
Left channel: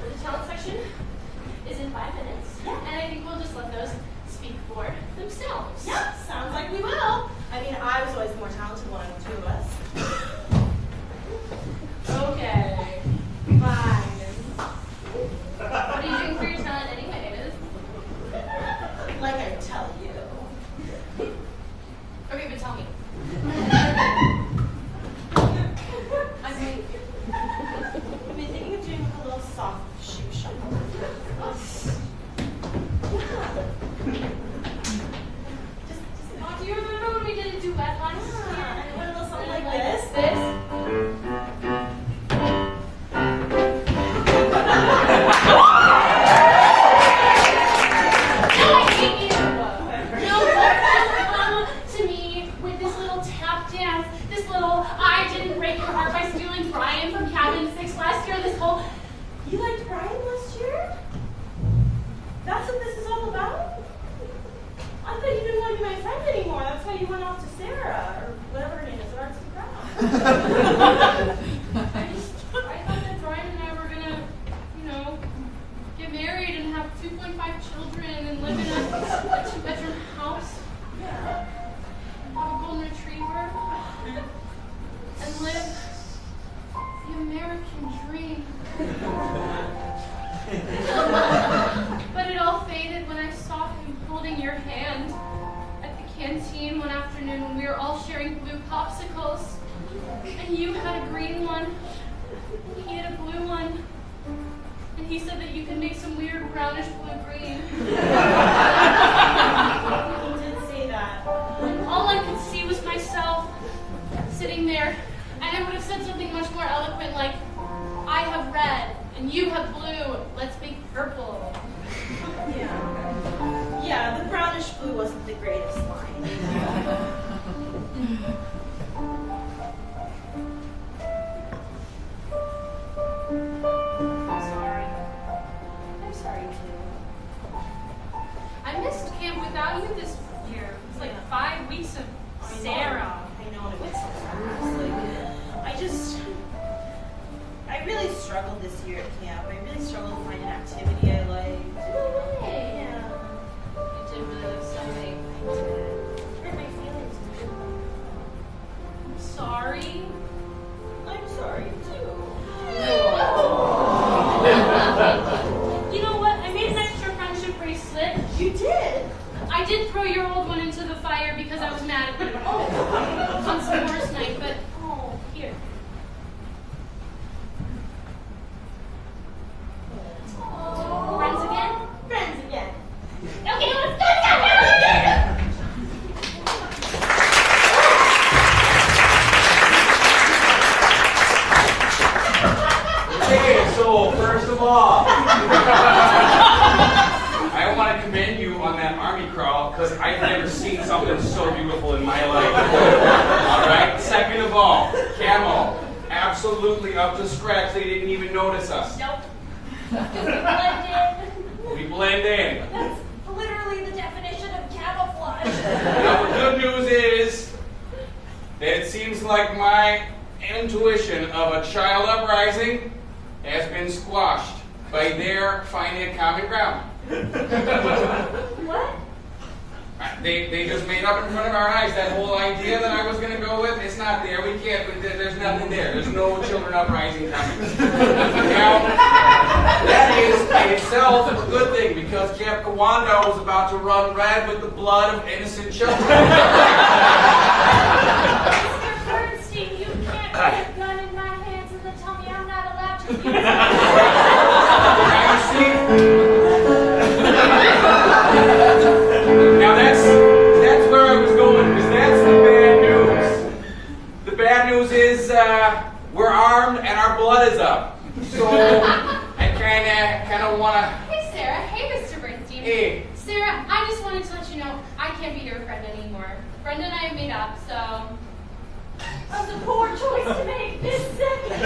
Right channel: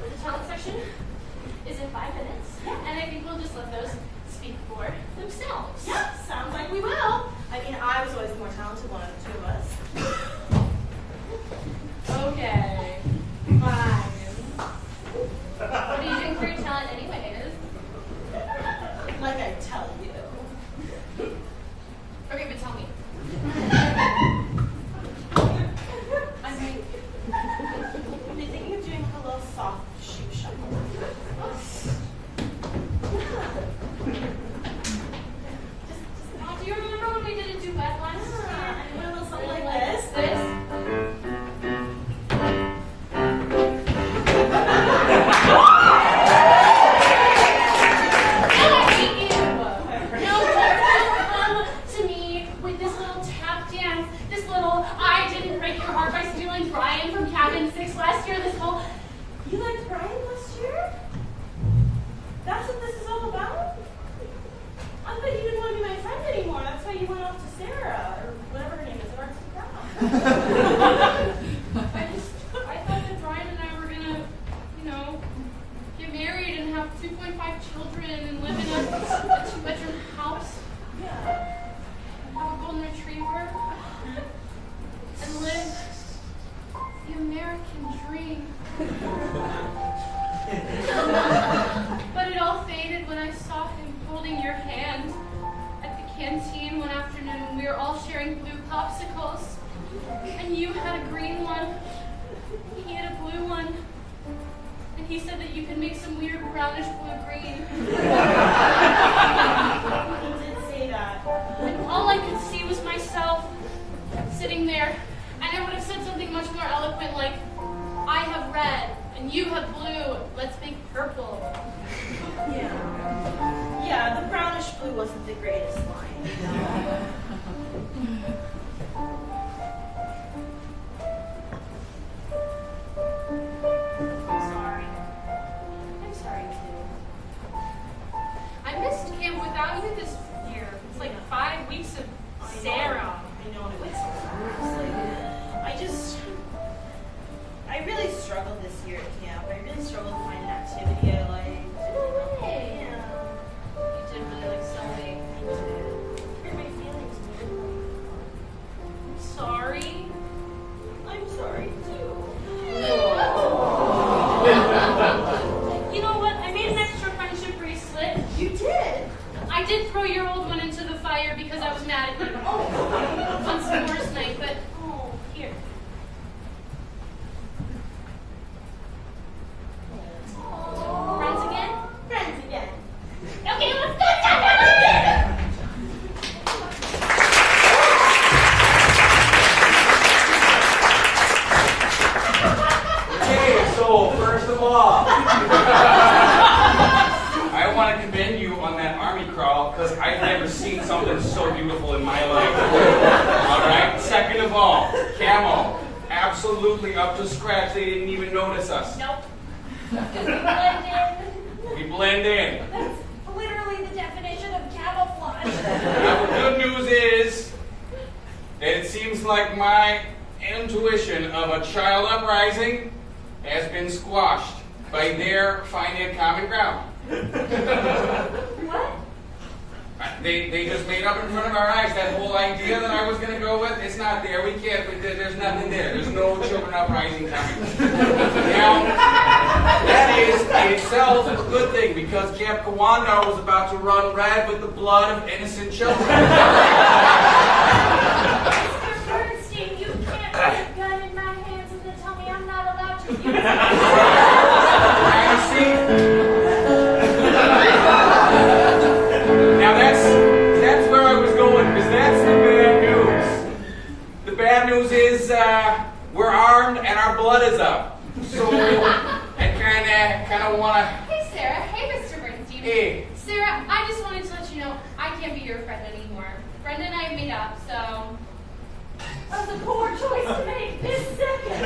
The talent section is in 5 minutes, and I think we'll just let those speak for themselves. Yep, sounds like we will. I mean, I was always the more talented one of the two of us. Okay, fine. What are you doing for your talent anyways? Like I tell you. Okay, but tell me. I've been thinking of doing like a little soft shoe shuffle. Oh, do you remember when we did a duet once? Yeah, and it went a little something like This? this. I hate you! No, don't come to me with this little tap dance, this little I didn't break your heart by stealing Brian from Cabin 6 last year, this whole You liked Brian last year? That's what this is all about? I thought you didn't want to be my friend anymore. That's why you went off to Sarah, or whatever her name is, at Arts and Crafts. I thought that Brian and I were gonna, get married and have 2.5 children and live in a 2-bedroom house, Yeah. have a golden retriever, and live the American dream. But it all faded when I saw him holding your hand at the canteen one afternoon when we were all sharing blue popsicles. And you had a green one, he had a blue one, and he said that you could make some weird brownish blue-green. He did say that. And all I could see was myself sitting there, and I would have said something much more eloquent like, I have red, and you have blue, let's make purple. Yeah. Yeah, the brownish blue wasn't the greatest line, you know? I'm sorry too. I missed camp without you this year. It's like 5 weeks of Sarah. I know, and it went so fast. I really struggled this year at camp. I really struggled to find an activity I liked. No way. Yeah. You did really like sewing. I did. It hurt my feelings, man. I'm sorry. I'm sorry too. You know what? I made an extra friendship bracelet. You did? I did throw your old one into the fire because I was mad at you. On s'mores night, but here. Friends again? Friends again. Okay, let's go together! Okay, so first of all, I want to commend you on that army crawl because I've never seen something so beautiful in my life. All right. Second of all, camo, absolutely up to scratch. They didn't even notice us. Nope. We blend in. That's literally the definition of camouflage. Now the good news is that it seems like my intuition of a child uprising has been squashed by their finding common ground. What? They just made up in front of our eyes that whole idea that I was going to go with. It's not there. We can't. There's nothing there. There's no children uprising coming. Now, that is in itself a good thing because Camp Kawanda was about to run red with the blood of innocent children. Mr. Bernstein, you can't put a gun in my hands and then tell me I'm not allowed to use it. Now you see. Now that's blood is up. So I kinda wanna. Hey, Sarah. Hey, Mr. Bernstein. Hey. Sarah, I just wanted to let you know I can't be your friend anymore. Brenda and I have made up, so. That's a poor choice to make this second.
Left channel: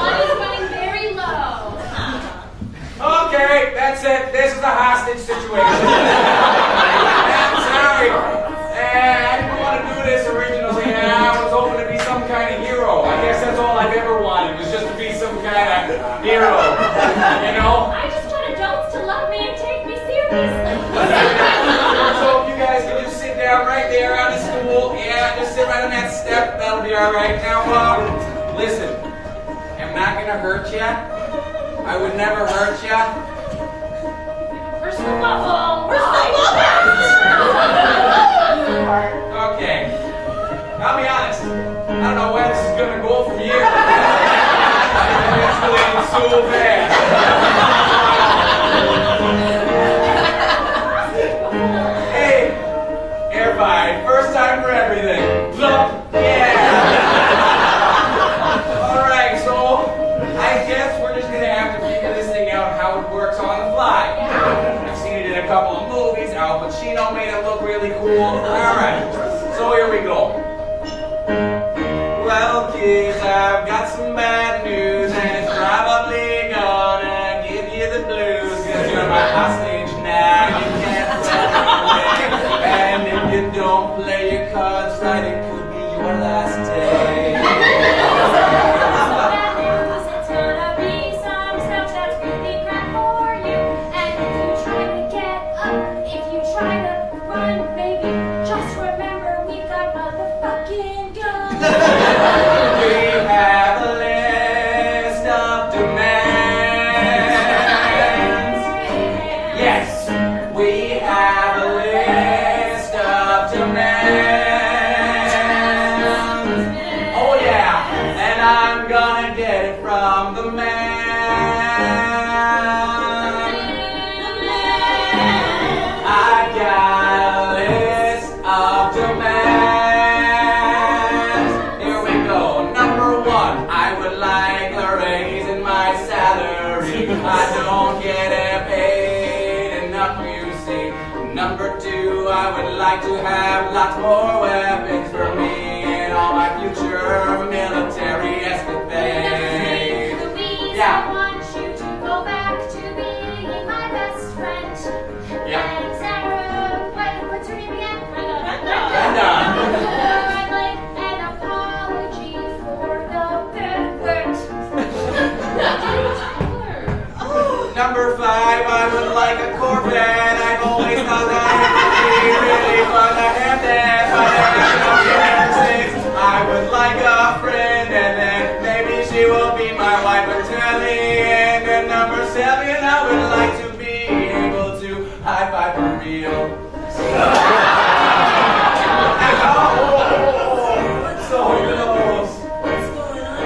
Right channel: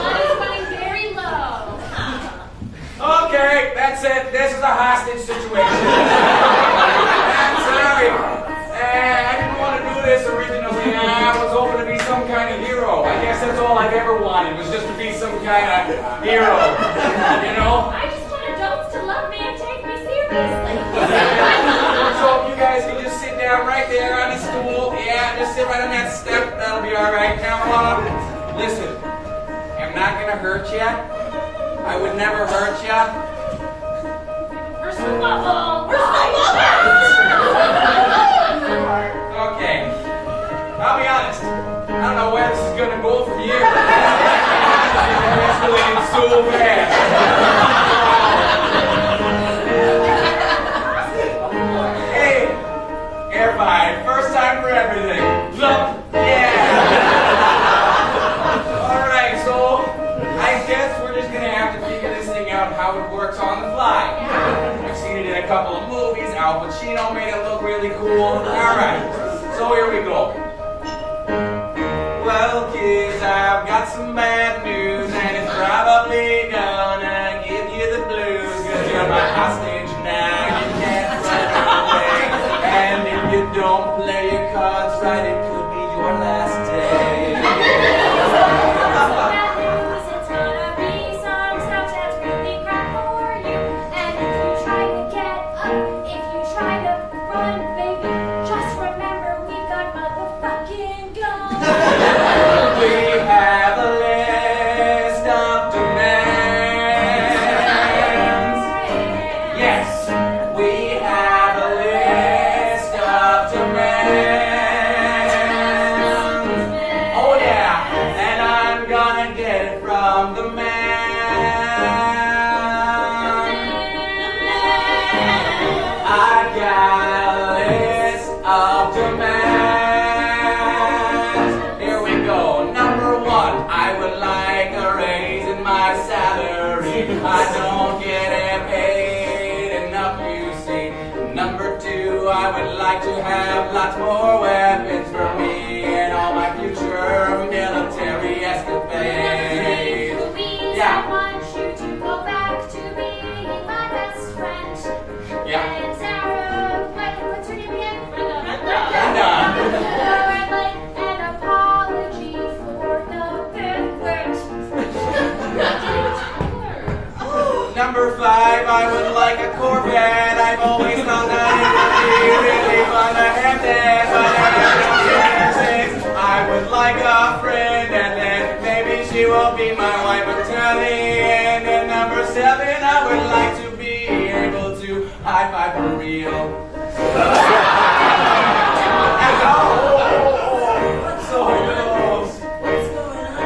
Money's running very low. Okay, that's it. This is a hostage situation. I'm sorry. I didn't want to do this originally. I was hoping to be some kind of hero. I guess that's all I've ever wanted, was just to be some kind of hero. You know? I just want adults to love me and take me seriously. So if you guys can just sit down right there on the stool. Yeah, just sit right on that step. That'll be all right. Now, listen. I'm not going to hurt you. I would never hurt you. Personal bubble. Okay. I'll be honest. I don't know where this is going to go from here. It's escalating so fast. Hey, air five. First time for everything. Look, yeah. All right, so I guess we're just going to have to figure this thing out how it works on the fly. I've seen it in a couple of movies. Al Pacino made it look really cool. All right, so here we go. Well, kids, I've got some bad news, and it's probably gonna give you the blues, 'cause you're my hostage now, you can't run away. And if you don't play your cards right, it could be your last day. Bad news, it's gonna be some stuff that's really crap for you. And if you try to get up, if you try to run, baby, just remember we got motherfucking guns. We have a list of demands. Yes, we have a list of demands. Oh yeah, and I'm gonna get it from the man. I've got a list of demands. Here we go. Number one, I would like a raise in my salary. I don't get paid enough, you see. Number two, I would like to have lots more weapons for me and all my future military escapades. Louise, Yeah. I want you to go back to being my best friend. Yeah. And Sarah, what's her name again? Brenda. I'd like an apology for the pivot. Number five, I would like a Corvette. I've always thought that it would be really fun to have that, but every six, I would like a friend, and then maybe she will be my wife until the end. And number seven, I would like to be able to high five for real. So close. What's going on?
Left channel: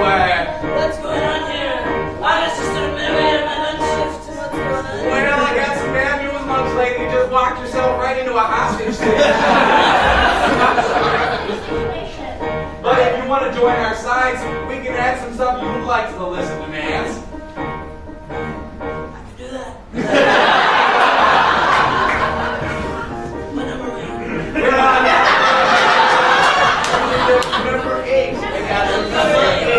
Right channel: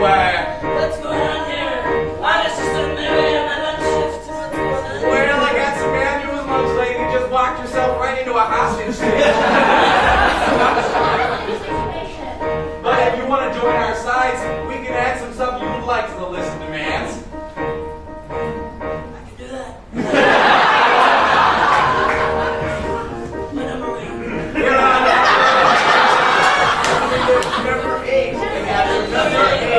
Where? What's going on here? I was just in the middle of my lunch shift. What's going on? Well, I got some bad news, lunch lady. You just walked yourself right into a hostage situation. But if you want to join our sides, we can add some stuff you would like to the list of demands. I can do that. What number are we? You're on number 8. I got it. Number 8.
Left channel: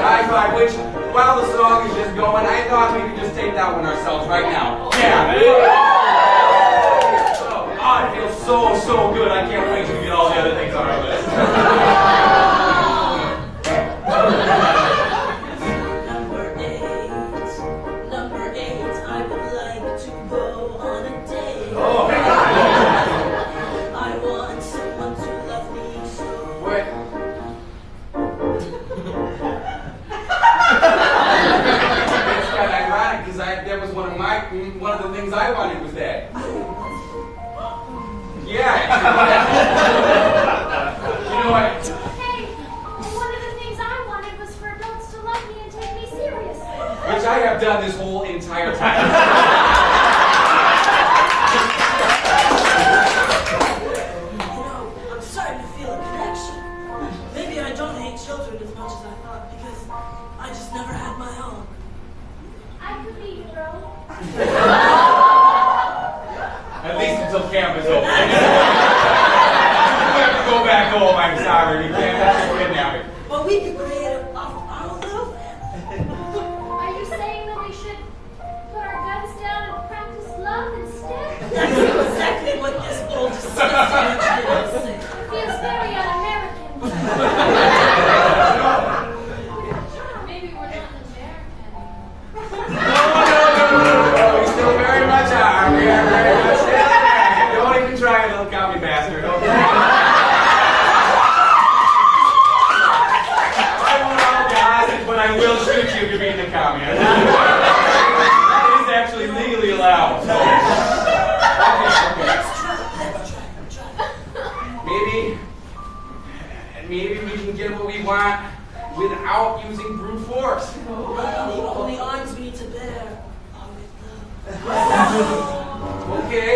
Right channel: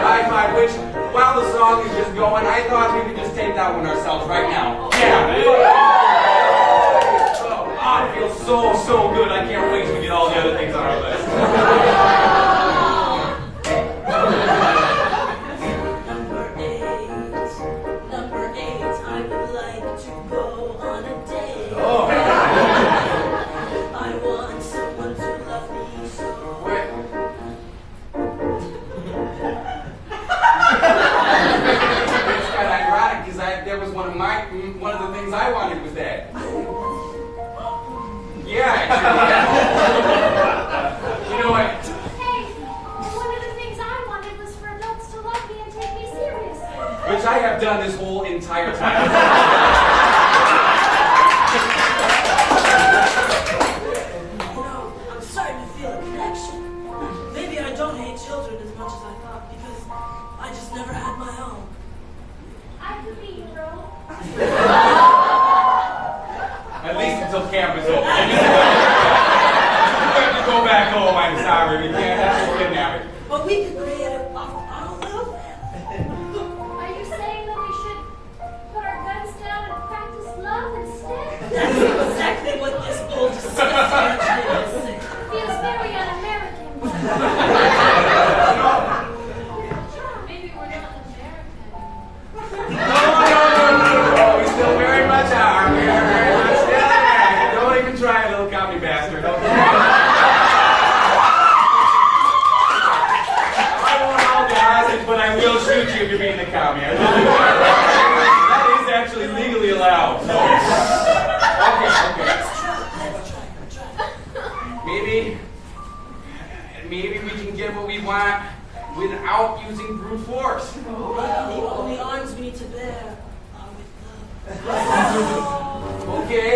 High five, which, while the song is just going, I thought we could just take that one ourselves right now. Yeah. Oh, it feels so good. I can't wait till we get all the other things on our list. Number 8, I would like to go on a date. Oh. I want someone to love me so. Wait. It's kind of ironic because that was one of the things I wanted was that. Yeah. You know what? Hey, one of the things I wanted was for adults to love me and take me seriously. Which I have done this whole entire time. You know, as I thought because I just never had my own. I could be your own. At least until camp is over. You have to go back home, I'm sorry. We can't have you kidnapping. But we could create our own little family. Are you saying that we should put our guns down and practice love instead? That's exactly what this old disgusting tree is saying. Feels very un-American. Maybe we're not in America anymore. No. We still very much are. We are very much still American. Don't even try it, little commie bastard. Okay? I won't apologize, but I will shoot you if you're being a commie. I will do that. That is actually legally allowed. So. Okay. Let's try. Maybe we can get what we want without using brute force. The only arms we need to bear are with love. Okay,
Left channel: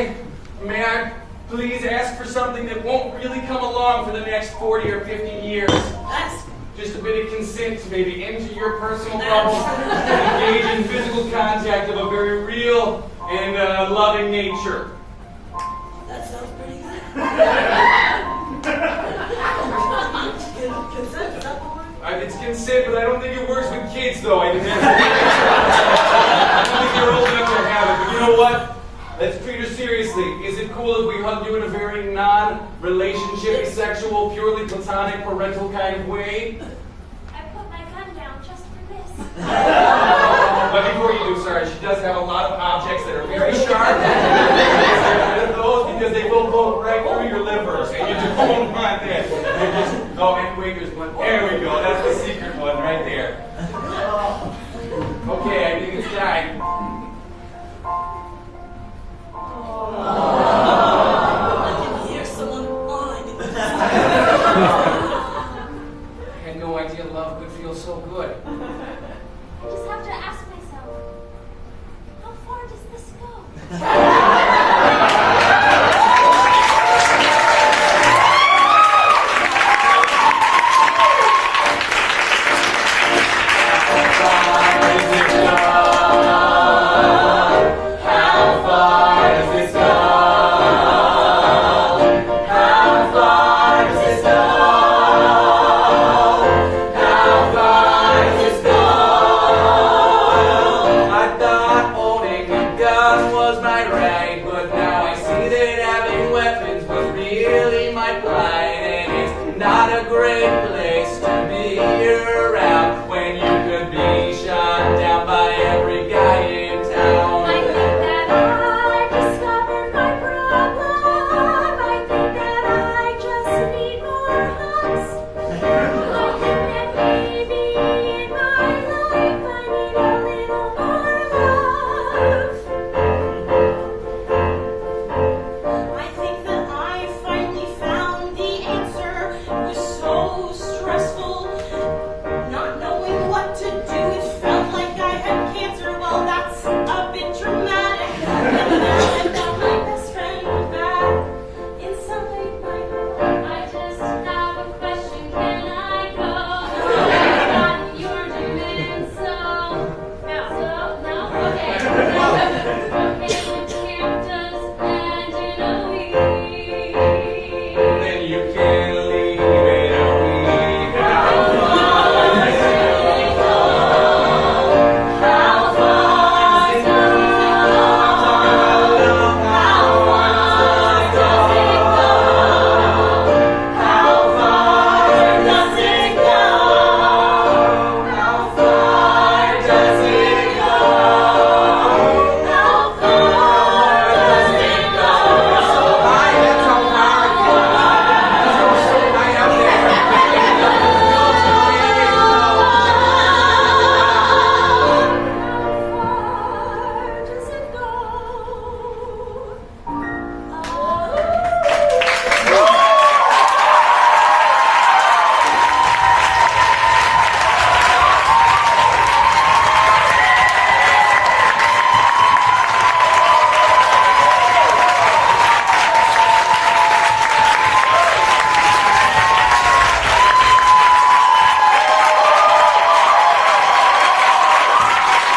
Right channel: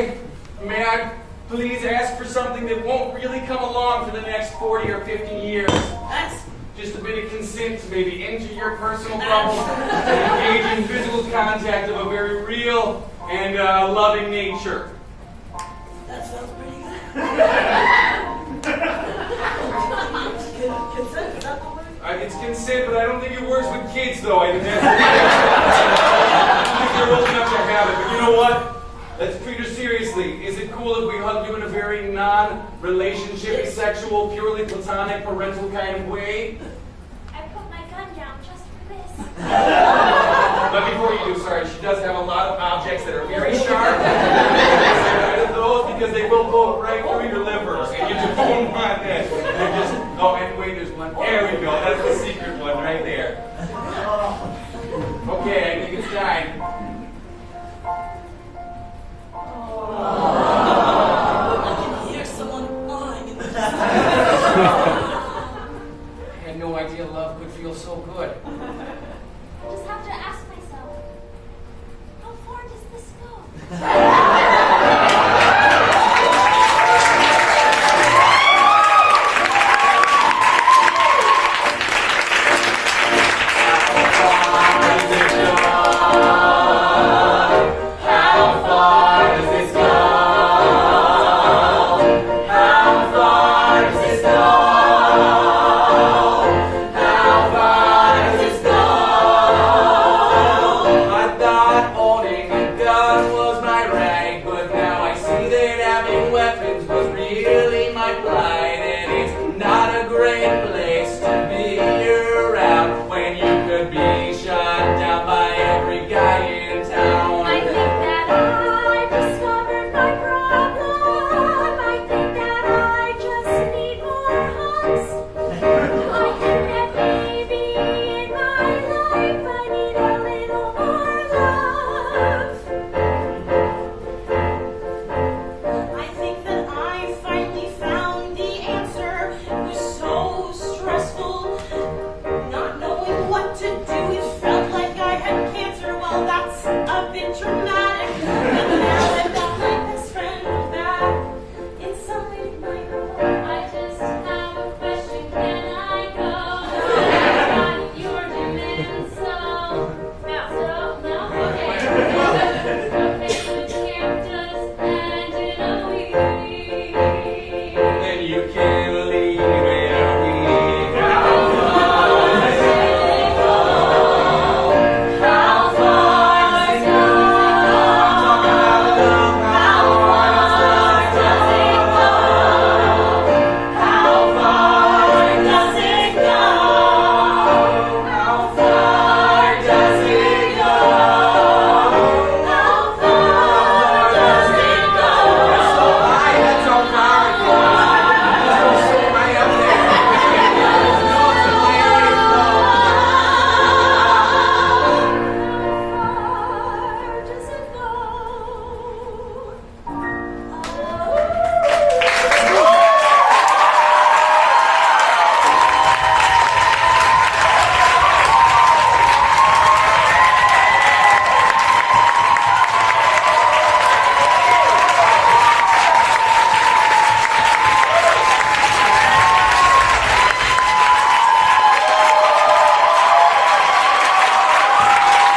may I please ask for something that won't really come along for the next 40 or 50 years? Ask. Just a bit of consent to maybe enter your personal bubble and engage in physical contact of a very real and loving nature. That sounds pretty good. Consent, is that the word? It's consent, but I don't think it works with kids, though. I think you're old enough to have it. But you know what? Let's treat her seriously. Is it cool if we hug you in a very non-relationship, sexual, purely platonic, parental kind of way? I put my gun down just for this. But before you do, sorry, she does have a lot of objects that are very sharp. Get rid of those because they will go right through your liver, and you just don't want that. Anyway, there's one. There we go. That's the secret one right there. Okay, I think it's time. I can hear someone awing in the distance. I had no idea love could feel so good. I just have to ask myself, how far does this go?